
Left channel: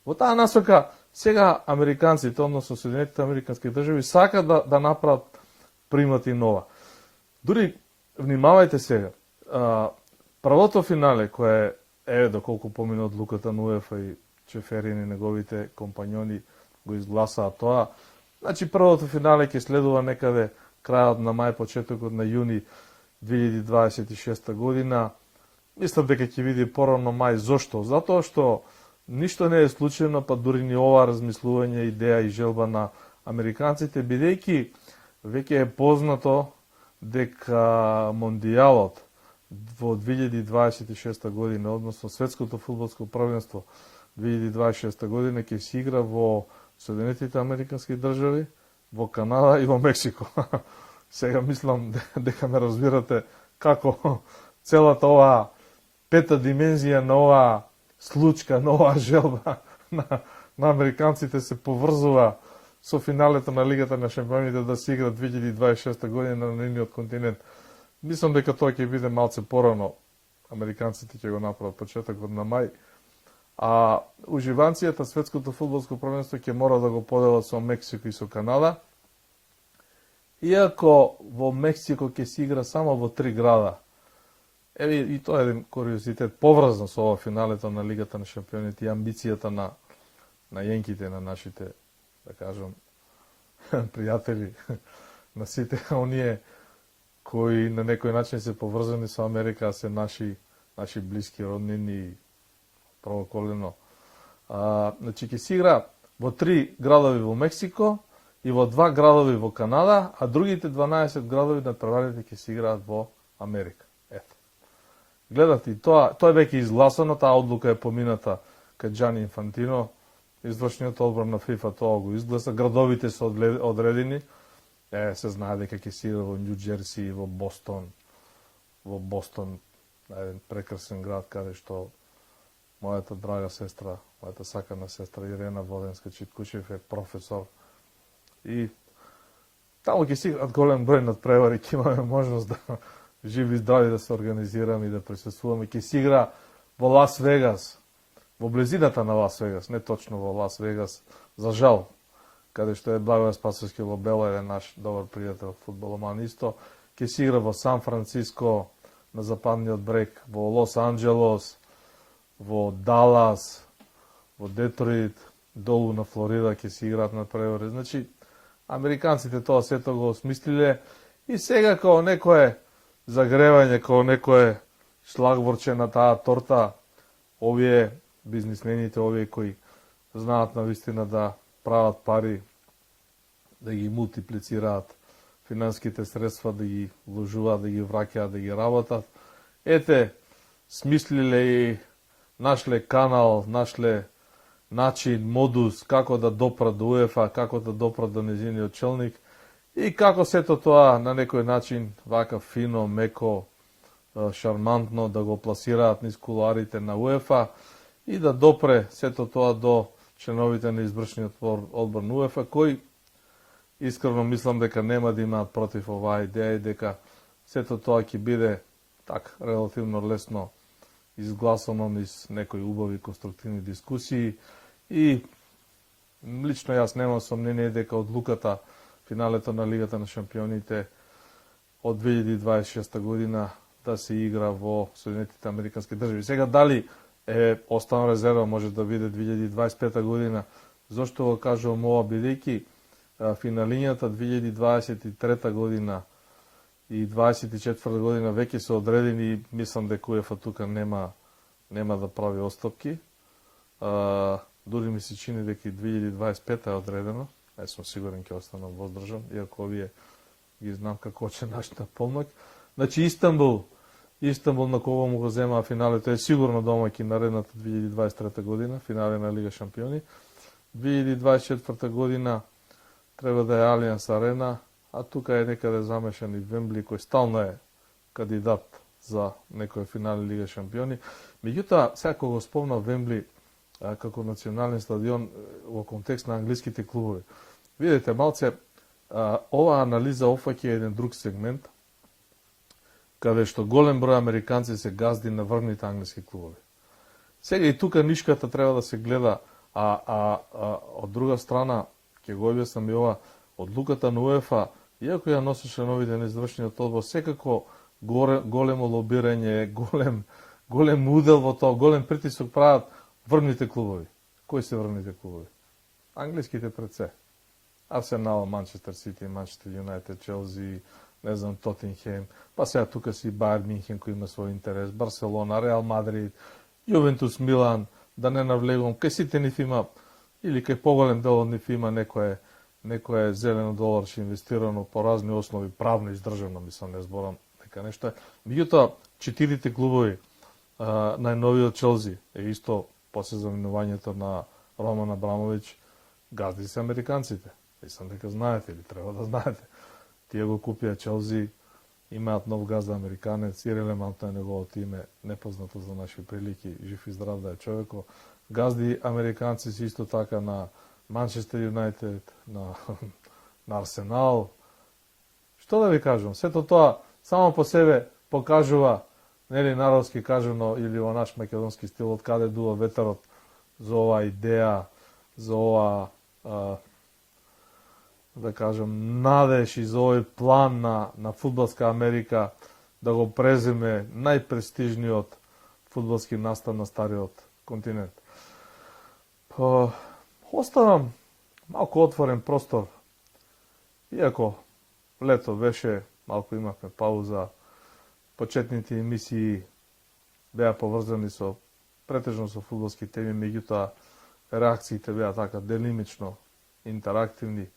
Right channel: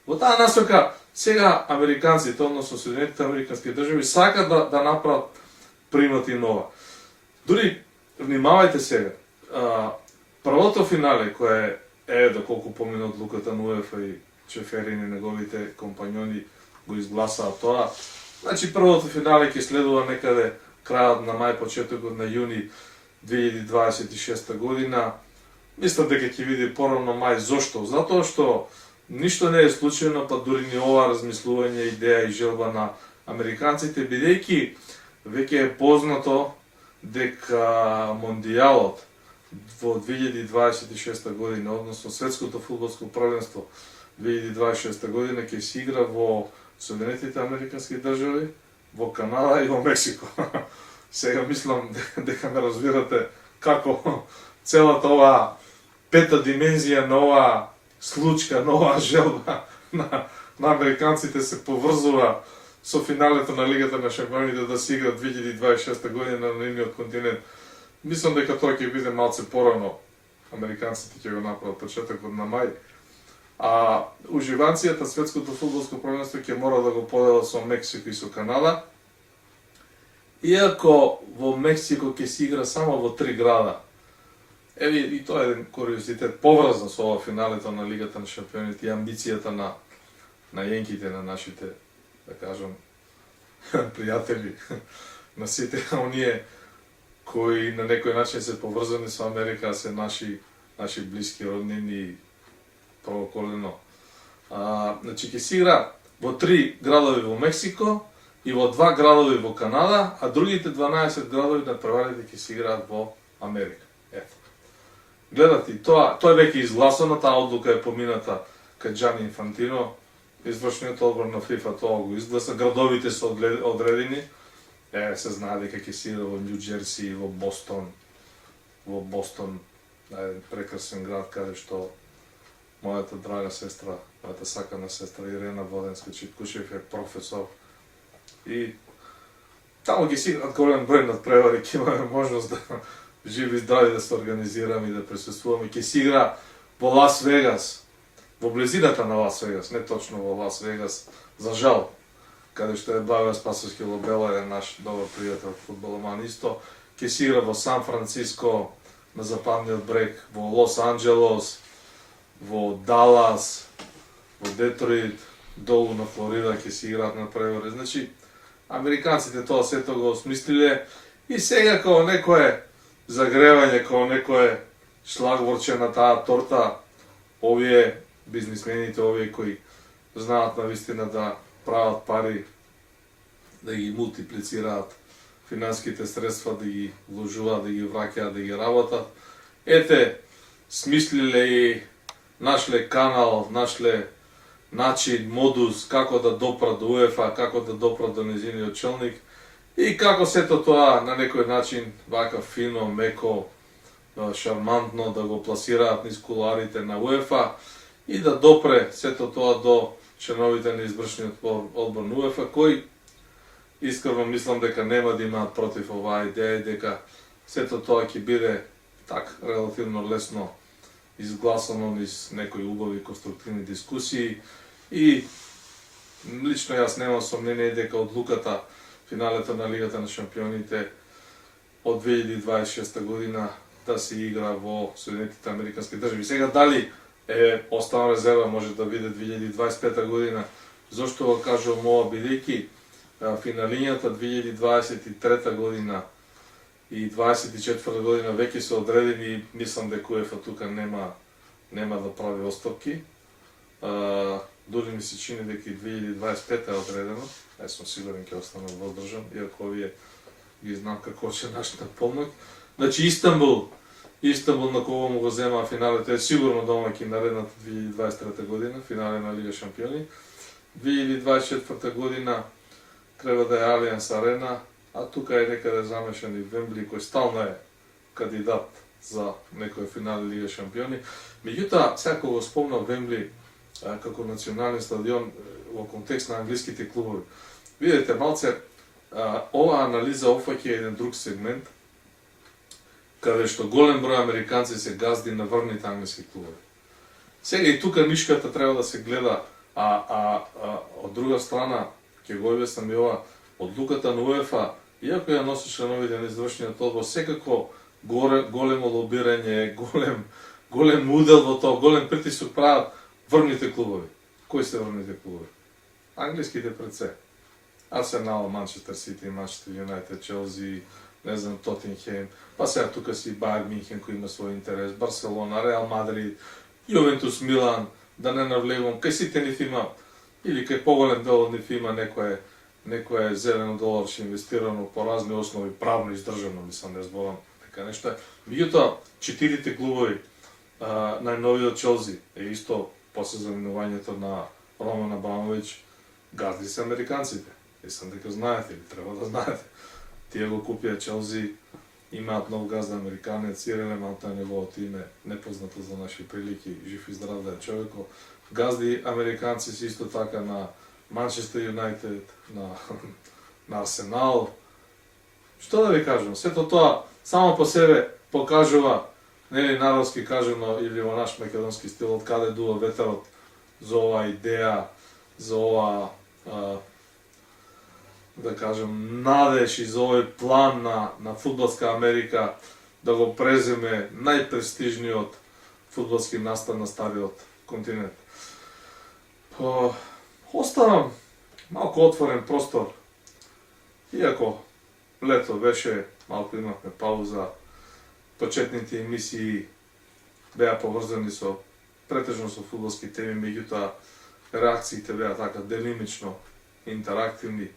Во таа насока, сега американците, односно Соединетите американски држави, сакат да направат примат и нова. Дури, внимавајте сега, првото финале, кое е, доколку помина одлуката на УЕФА и Чеферин и неговите компањони го изгласаа тоа, значи првото финале ќе следува некаде крајот на мај, почетокот на јуни 2026 година. Мислам дека ќе биде порано мај. Зошто? Затоа што ништо не е случајно, па дури ни ова размислување, идеја и желба на американците, бидејќи веќе е познато дека мондијалот во 2026 година, односно светското фудбалско првенство 2026 година ќе се игра во Соединетите американски држави, во Канада и во Мексико. Сега мислам дека ме разбирате како целата оваа пета димензија на оваа случка, на оваа желба на американците се поврзува со финалето на Лигата на шампионите да се игра 2026 година на нивниот континент. Мислам дека тоа ќе биде малце порано. Американците ќе го направат почетокот на мај. А уживацијата светското фудбалско првенство ќе мора да го поделат со Мексико и со Канада. Иако во Мексико ќе се игра само во 3 града. И тоа е еден куриозитет поврзан со ова финалето на Лигата на шампионите и амбицијата на јенките, на нашите да кажам, пријатели на сите оние кои на некој начин се поврзани со Америка, се наши блиски роднини и прооколено. Значи ќе се игра во 3 градови во Мексико и во 2 градови во Канада, а другите 12 градови на преварите ќе се играат во Америка. Ето. Гледате, тоа е веќе изгласано, таа одлука е помината кај Џани Инфантино, извршниот одбор на ФИФА тоа го изгласа, градовите се одредени, се знае дека ќе се игра во Њу Џерси, во Бостон, прекрасен град каде што мојата драга сестра, мојата сакана сестра Ирена Воденска Читкушев е професор и таму ќе се играат голем број надпревари, ќе имаме можност да живи и здрави да се организираме и да присуствуваме. Ќе се игра во Лас Вегас, во близината на Лас Вегас, не точно во Лас Вегас, за жал, каде што е Благоје Спасовски Лобела, е наш добар пријател фудбаломан исто. Ќе се игра во Сан Франциско, на западниот брег, во Лос Анџелос, во Далас, во Детройт, долу на Флорида ќе се играат на превори. Значи, американците тоа сето го осмислиле и сега као некое загревање, као некое шлагворче на таа торта, овие бизнисмените, овие кои знаат навистина да прават пари, да ги мултиплицираат финанските средства, да ги вложуваат, да ги враќаат, да ги работат. Ете, смислиле и нашле канал, нашле начин, модус, како да допрат до УЕФА, како да допрат до незиниот челник и како сето тоа на некој начин, вака фино, меко, шармантно да го пласираат низ куларите на УЕФА и да допре сето тоа до членовите на извршниот одбор на УЕФА, кој искрено мислам дека нема да имаат против оваа идеја, дека сето тоа ќе биде так релативно лесно изгласано низ некои убави конструктивни дискусии и лично јас немам сомнение дека одлуката финалето на Лигата на шампионите од 2026 година да се игра во Соединетите Американски држави. Сега дали е останала резерва, може да биде 2025 година. Зошто го кажувам ова, бидејќи финалињата 2023 година и 24 година веќе се одредени и мислам дека УЕФА тука нема да прави остапки. Дури ми се чини дека и 2025 е одредено. Јас сум сигурен ќе останам воздржан, иако овие ги знам како ќе начнат помак. Значи Истанбул на кого му го зема финалето е сигурно домаќин наредната 2023 година, финале на Лига шампиони. 2024 година треба да е Алијанс Арена, а тука е некаде замешан и Вембли, кој стално е кандидат за некој финале Лига шампиони. Меѓутоа, сега кога го спомнав Вембли како национален стадион во контекст на англиските клубови, видите малце, оваа анализа опфаќа еден друг сегмент, каде што голем број американци се газди на врвните англиски клубови. Сега и тука нишката треба да се гледа, од друга страна, ќе го објаснам и ова, одлуката на УЕФА, иако ја носи членовите на извршниот одбор, секако големо лобирање, голем удел во тоа, голем притисок прават врвните клубови. Кои се врвните клубови? Англиските пред се. Арсенал, Манчестер Сити, Манчестер Юнайтед, Челси, не знам, Тотенхем, па сега тука си Бајер Минхен кој има свој интерес, Барселона, Реал Мадрид, Јувентус, Милан, да не навлегувам, кај сите нив има, или кај поголем дел од нив има некое зелено доларче инвестирано по разни основи, правно издржано, мислам, не зборам така нешто. Меѓутоа, 4 клубови, најновиот Челси е исто после заминувањето на Роман Абрамовиќ, газди се американците. Мислам дека знаете или треба да знаете. Тие го купија Челси, имаат нов газда американец, ирелевантно е неговото име, непознато за наши прилики, жив и здрав да е човеко. Газди американци си исто така на Манчестер Юнайтед, на Арсенал. Што да ви кажам, сето тоа само по себе покажува, нели народски кажано или во наш македонски стил, од каде дува ветерот за оваа идеја, за оваа да кажем, надеж и за овој план на фудбалска Америка да го преземе најпрестижниот фудбалски настан на стариот континент. Оставам малку отворен простор. Иако лето беше, малку имавме пауза, почетните емисии беа поврзани претежно со фудбалски теми, меѓутоа реакциите беа така делимично интерактивни.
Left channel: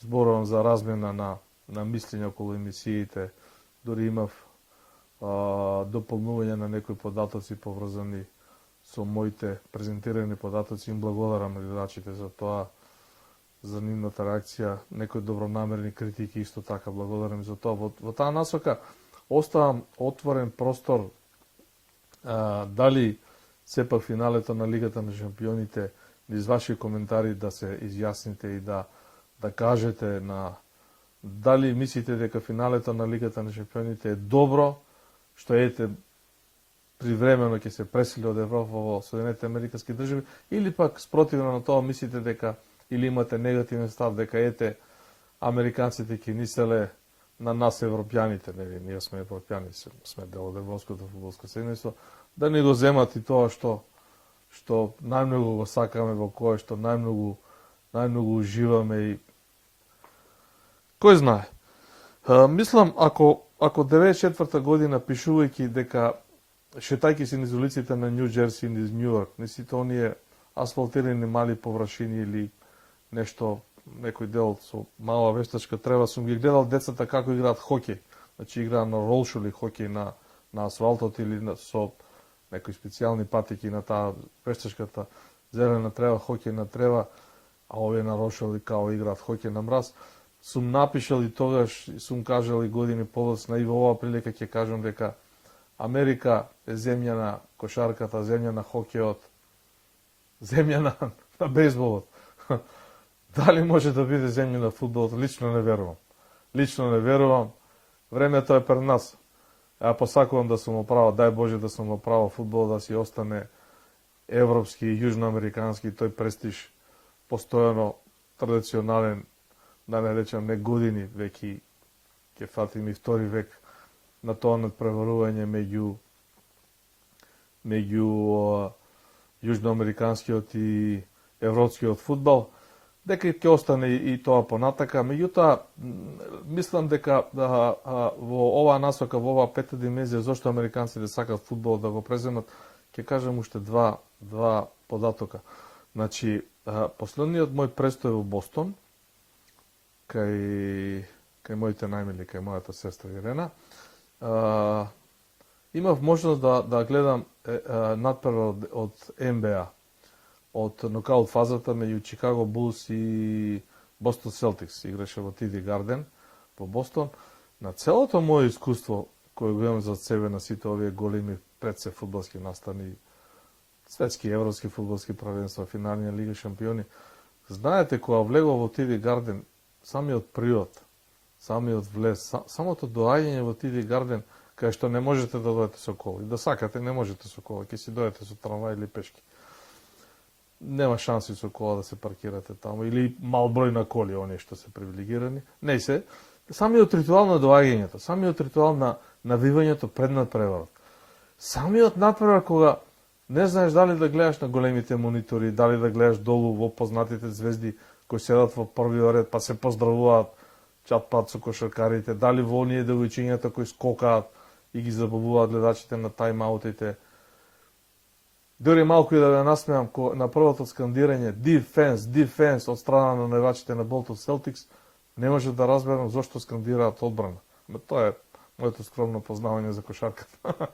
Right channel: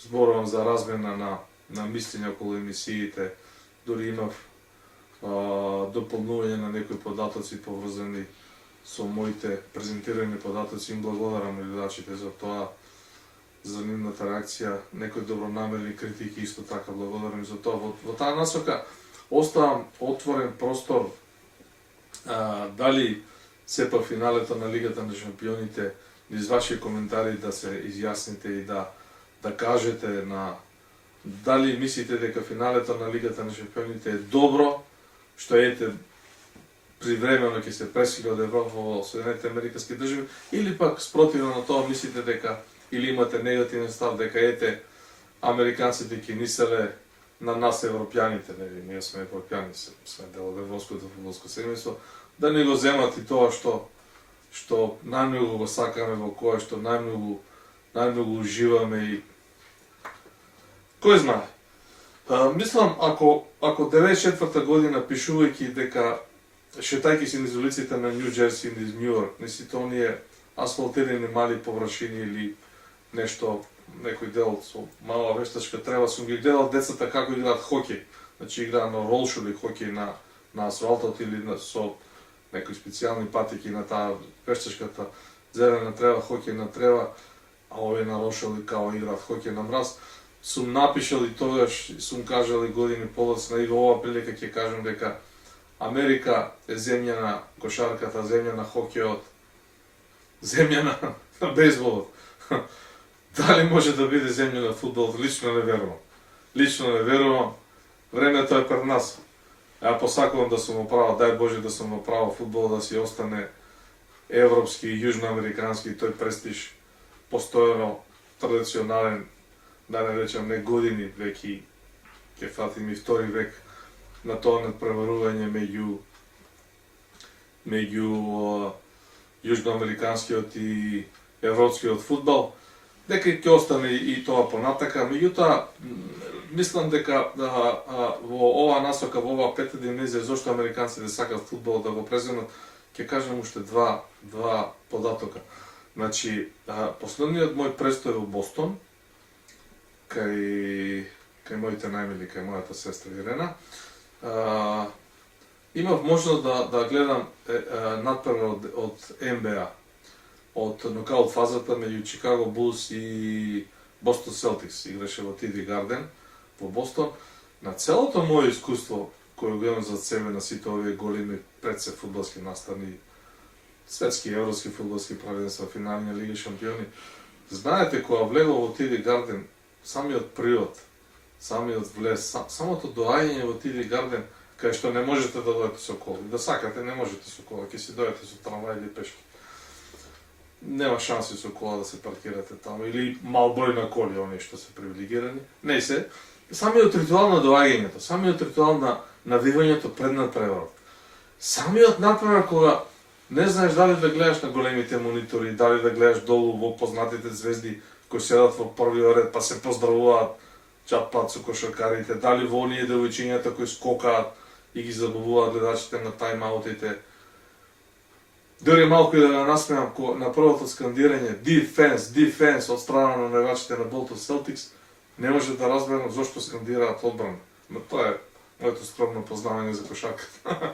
Зборувам за размена на мислења околу емисиите, дури имав дополнување на некои податоци поврзани со моите презентирани податоци. Им благодарам на гледачите за тоа, за нивната реакција, некои добронамерни критики исто така благодарам за тоа. Во таа насока оставам отворен простор дали сепак финалето на Лигата на шампионите, низ ваши коментари да се изјасните и да кажете дали мислите дека финалето на Лигата на шампионите е добро, што ете привремено ќе се пресили од Европа во Соединетите Американски држави, или пак спротивно на тоа мислите дека, или имате негативен став дека ете американците ќе мислеле на нас европјаните, ние сме европјани, сме дел од европското фудбалско семејство, да не го земат и тоа што најмногу го сакаме, во кое што најмногу уживаме и кој знае. Мислам, ако 94-та година пишувајќи дека шетајќи се низ улиците на Нью Джерси, низ Нью Йорк, не сите оние асфалтирани мали површини или нешто, некој дел со мала вештачка трева, сум ги гледал децата како играат хокеј. Значи играат на ролшул или хокеј на асфалтот или со некои специјални патики на таа вештачката зелена трева, хокеј на трева, а овие на ролшул и као играат хокеј на мраз. Сум напишал и тогаш, сум кажал и години подоцна, и во оваа прилика ќе кажам дека Америка е земја на кошарката, земја на хокејот, земја на бейсболот. Дали може да биде земја на фудбалот? Лично не верувам. Лично не верувам. Времето е пред нас. Ја посакувам да сум оправо, дај Боже да сум оправо фудбалот да си остане европски и јужноамерикански, тој престиж постојано традиционален, да не речам не години, веќе ќе фатим и втори век на тоа надпреварување меѓу јужноамериканскиот и европскиот фудбал, дека ќе остане и тоа понатака. Меѓутоа, мислам дека во оваа насока, во оваа пета dimenzија, зошто американците сакаат фудбал да го преземат, ќе кажам уште два податока. Значи, последниот мој престој во Бостон, кај моите најмили, кај мојата сестра Ирена, имав можност да гледам надпревар од НБА, од нокаут фазата меѓу Чикаго Булс и Бостон Селтикс. Играше во TD Garden во Бостон. На целото моје искуство кој го имам зад себе на сите овие големи предсе фудбалски настани, светски европски фудбалски правенства, финали на Лига шампиони, знаете, кога влегол во TD Garden, самиот природ, самиот влез, самото доаѓање во TD Garden, кај што не можете да дојдете со кола. Да сакате, не можете со кола, ќе си дојдете со трамвај или пешки. Нема шанси со кола да се паркирате таму, или мал број на коли, оние што се привилегирани. Не се, самиот ритуал на доаѓањето, самиот ритуал на навивањето пред надпреварот. Самиот надпревар кога не знаеш дали да гледаш на големите монитори, дали да гледаш долу во познатите звезди кои седат во првиот ред па се поздравуваат чат-пат со кошаркарите, дали во оние девојчињата кои скокаат и ги забавуваат гледачите на тајм-аутите. Дори малку и да ја насмеам на првото скандирање "Defense, defense" од страна на навивачите на Bolton Celtics, не може да разберам зошто скандираат одбрана. Но тоа е моето скромно познавање за кошарката.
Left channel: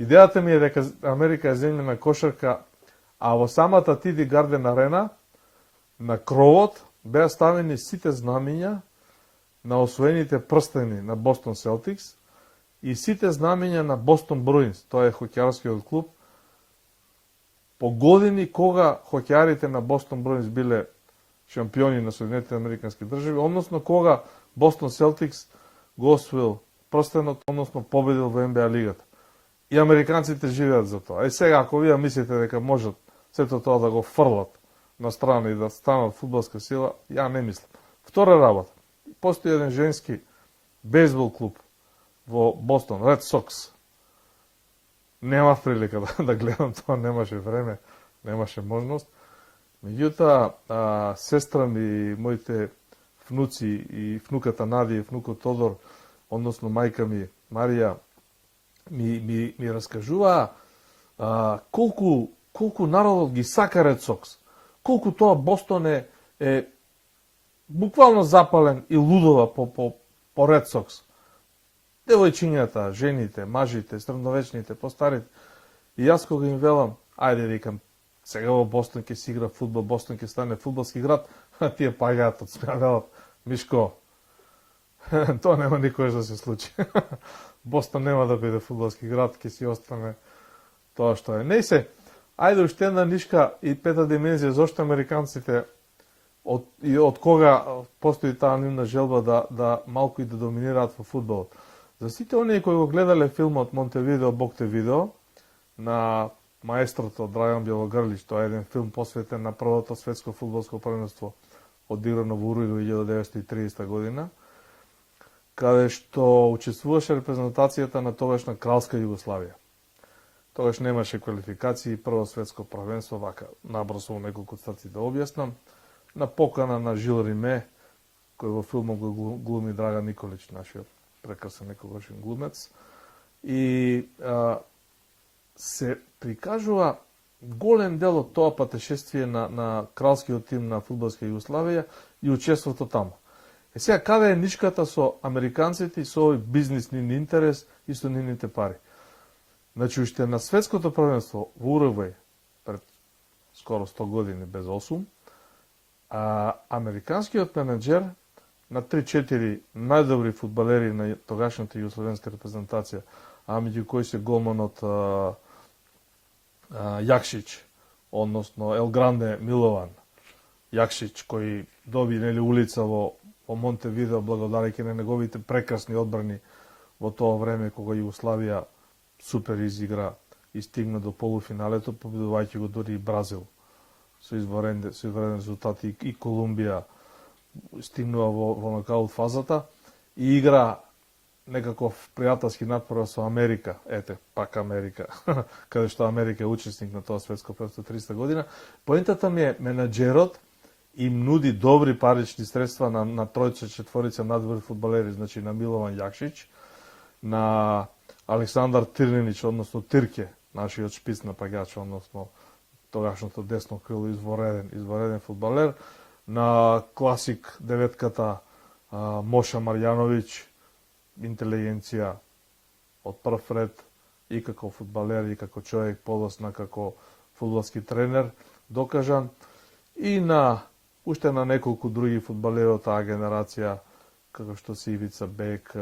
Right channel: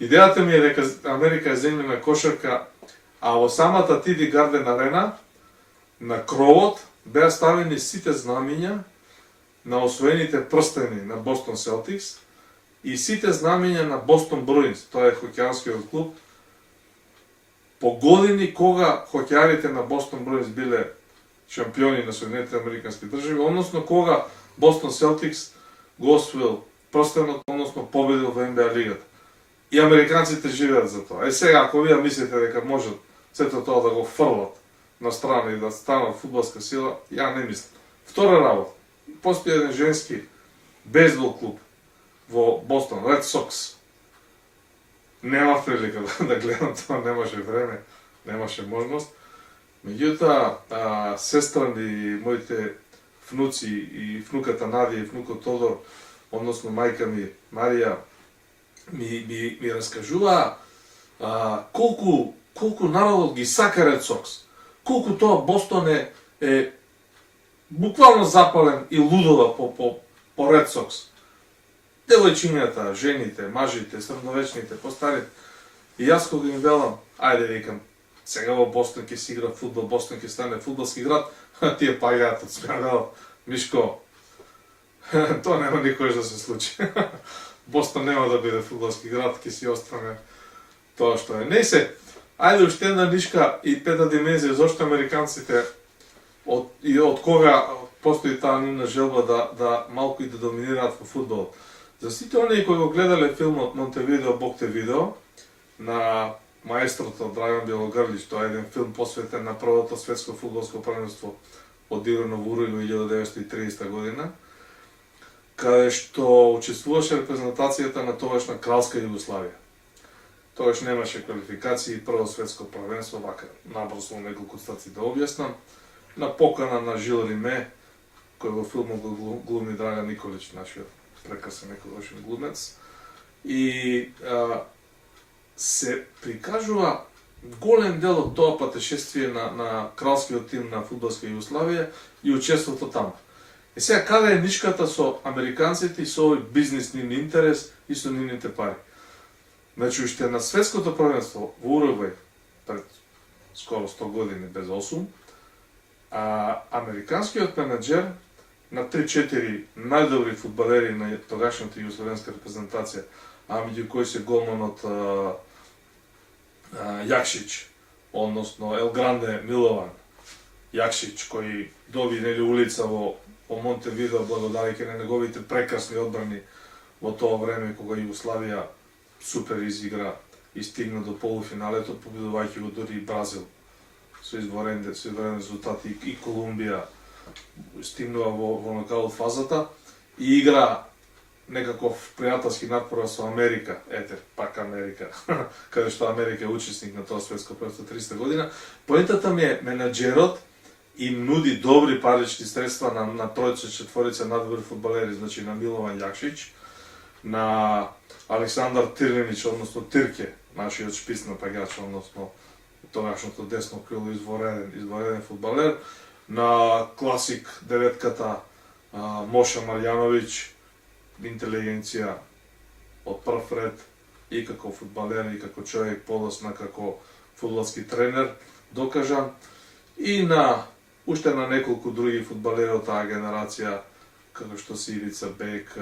Идејата ми е дека Америка е земја на кошарка, а во самата TD Garden арена на кровот беа ставени сите знамиња на освоените прстени на Бостон Селтикс и сите знамиња на Бостон Бруинс, тоа е хокејарскиот клуб, по години кога хокејарите на Бостон Бруинс биле шампиони на Соединетите Американски држави, односно кога Бостон Селтикс го освоил прстенот, односно победил во НБА лигата. И американците живеат за тоа. Сега, ако вие мислите дека можат сето тоа да го фрлат на страна и да станат фудбалска сила, ја не мислам. Втора работа. Постои еден женски бейсбол клуб во Бостон, Red Sox. Нема прилика да гледам тоа, немаше време, немаше можност. Меѓутоа, сестра ми и моите внуци и внуката Надија и внукот Тодор, односно мајка ми Марија, ми раскажува колку народот ги сака Ред Сокс, колку тоа Бостон е буквално запален и лудува по Ред Сокс. Девојчињата, жените, мажите, средновечните, постарите. И јас кога им велам, ајде викам, сега во Бостон ќе си игра фудбал, Бостон ќе стане фудбалски град, тие паѓаат од смеа, велам, Мишко, тоа нема никој да се случи. Бостон нема да биде фудбалски град, ќе си остане тоа што е. Не се, ајде уште една нишка и пета димензија, зашто американците од кога постои таа нивна желба да малку и да доминираат во фудбал. За сите оние кои го гледале филмот Монтевидео, Бог те видео, на маестрото Драјан Белогрлич, тоа е еден филм посветен на првото светско фудбалско првенство одиграно во Уругвај 1930 година, каде што учествуваше репрезентацијата на тогашна кралска Југославија. Тогаш немаше квалификации, прво светско првенство, вака, набрзо во неколку стаци да објаснам, на покана на Жил Риме, кој во филмот го глуми Драган Николич, нашиот прекрасен еколошен глумец, и се прикажува голем дел од тоа патешествие на кралскиот тим на фудбалска Југославија и учеството таму. Е сега, каде е нишката со американците и со овој бизнис нивни интерес и со нивните пари? Значи, уште на светското првенство во Уругвај, пред скоро 100 години без 8, американскиот менеджер на 3-4 најдобри фудбалери на тогашната југословенска репрезентација, меѓу кои се голманот Јакшич, односно Ел Гранде Милован Јакшич, кој доби улица во Монтевидео благодарајќи на неговите прекрасни одбрани во тоа време кога Југославија супер изигра и стигна до полуфиналето, победувајќи го дури и Бразил со изварен резултати, и Колумбија стигнува во нокаут фазата и игра некаков пријателски надпор со Америка, ете, пак Америка, каде што Америка е учесник на тоа светско првенство 300 година. Поентата ми е, менаџерот им нуди добри парични средства на тројца, четворица надобри фудбалери, значи на Милован Јакшич, на Александар Тирневич, односно Тирке, нашиот шпиц напаѓач, односно тогашното десно крило, извореден фудбалер, на класик деветката Моша Марјановиќ, интелигенција од прв ред и како фудбалер и како човек, подосна како фудбалски тренер, докажан, и на уште на неколку други фудбалери од таа генерација, како што се Ивица Бек,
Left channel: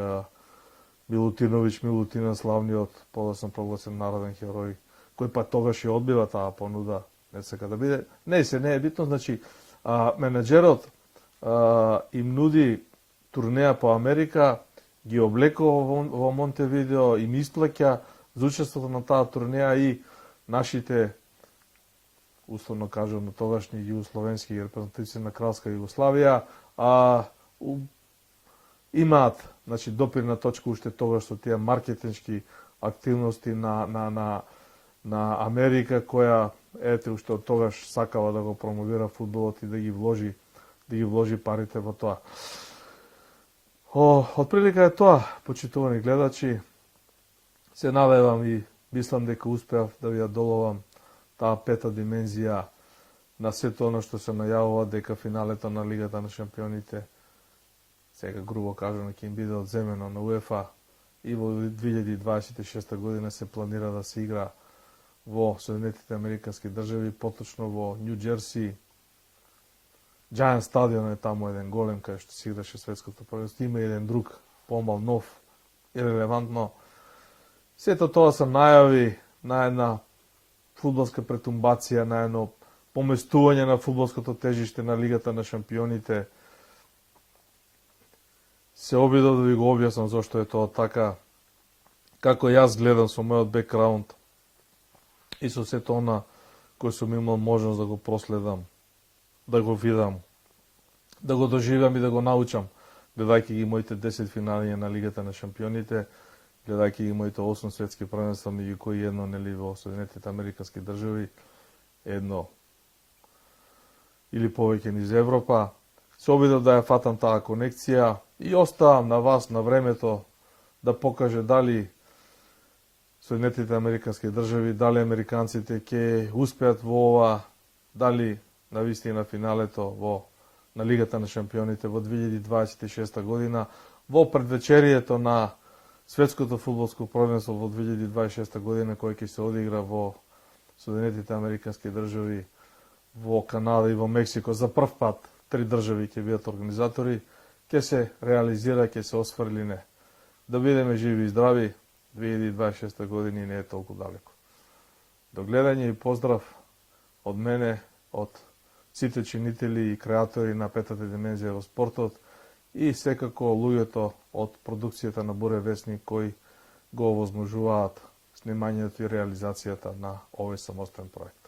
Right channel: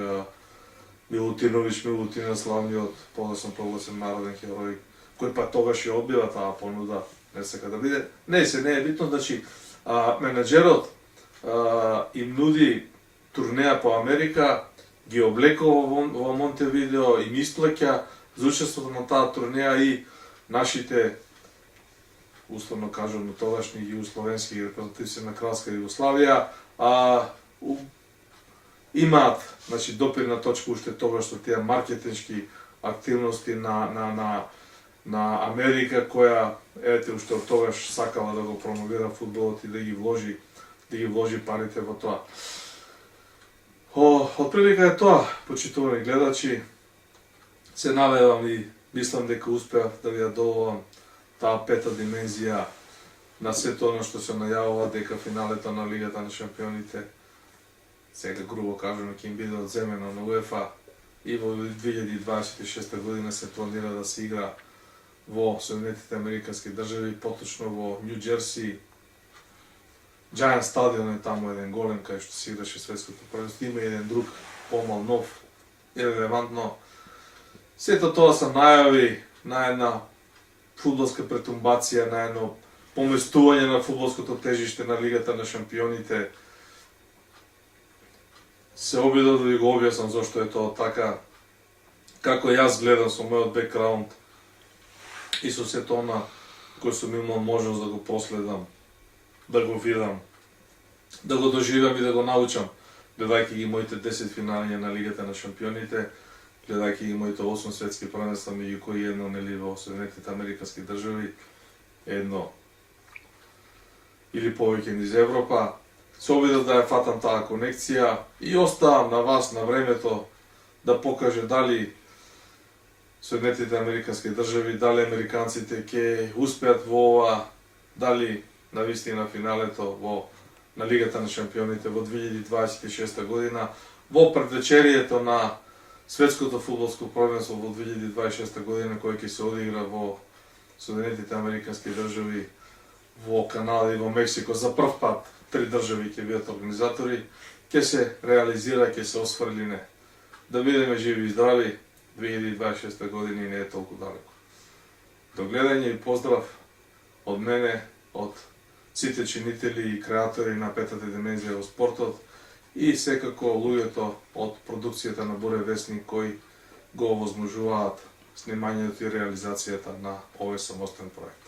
Милутиновиќ Милутина, славниот подосно прогласен народен херој, кој па тогаш и одбива таа понуда, не сека да биде. Не е битно, значи, менаџерот им нуди турнеја по Америка, ги облекува во Монтевидео, им исплаќа за учеството на таа турнеја и нашите, условно кажуваме, тогашни југословенски репрезентативци на кралска Југославија, имаат, значи, допирна точка уште тоа што тие маркетиншки активности на Америка, која, ете, уште од тогаш сакала да го промовира фудбалот и да ги вложи парите во тоа. Отприлика е тоа, почитувани гледачи. Се надевам и мислам дека успеав да ви ја доловам таа пета димензија на сето оно што се најавува, дека финалето на Лигата на шампионите, сега грубо кажуваме, ќе им биде одземена на УЕФА и во 2026 година се планира да се игра во Соединетите Американски држави, поточно во Нью Џерси. Giant стадион е таму еден голем кај што се играше светското првенство. Има еден друг помал нов, ирелевантно. Сето тоа се најави на една фудбалска претумбација, на едно поместување на фудбалското тежиште на Лигата на шампионите. Се обидов да ви го објаснам зошто е тоа така, како јас гледам со мојот бекграунд и со сето она кој сум имал можност да го проследам, да го видам, да го доживам и да го научам, гледајќи ги моите 10 финалиња на Лигата на шампионите, гледајќи ги моите 8 светски првенства, меѓу кои едно нели во Соединетите Американски држави, едно или повеќе низ Европа. Се обидов да ја фатам таа конекција и оставам на вас на времето да покаже дали Соединетите Американски држави, дали американците ќе успеат во ова, дали навистина финалето на Лигата на шампионите во 2026 година, во предвечерието на Светското фудбалско првенство во 2026 година кој ќе се одигра во Соединетите Американски држави, во Канада и во Мексико. За прв пат 3 држави ќе бидат организатори, ќе се реализира, ќе се осфрли не. Да бидеме живи и здрави, 2026 година не е толку далеко. До гледање и поздрав од мене, од сите чинители и креатори на петата димензија во спортот и секако луѓето од продукцијата на Буре Весник кои го овозможуваат снимањето и реализацијата на овој самостен проект.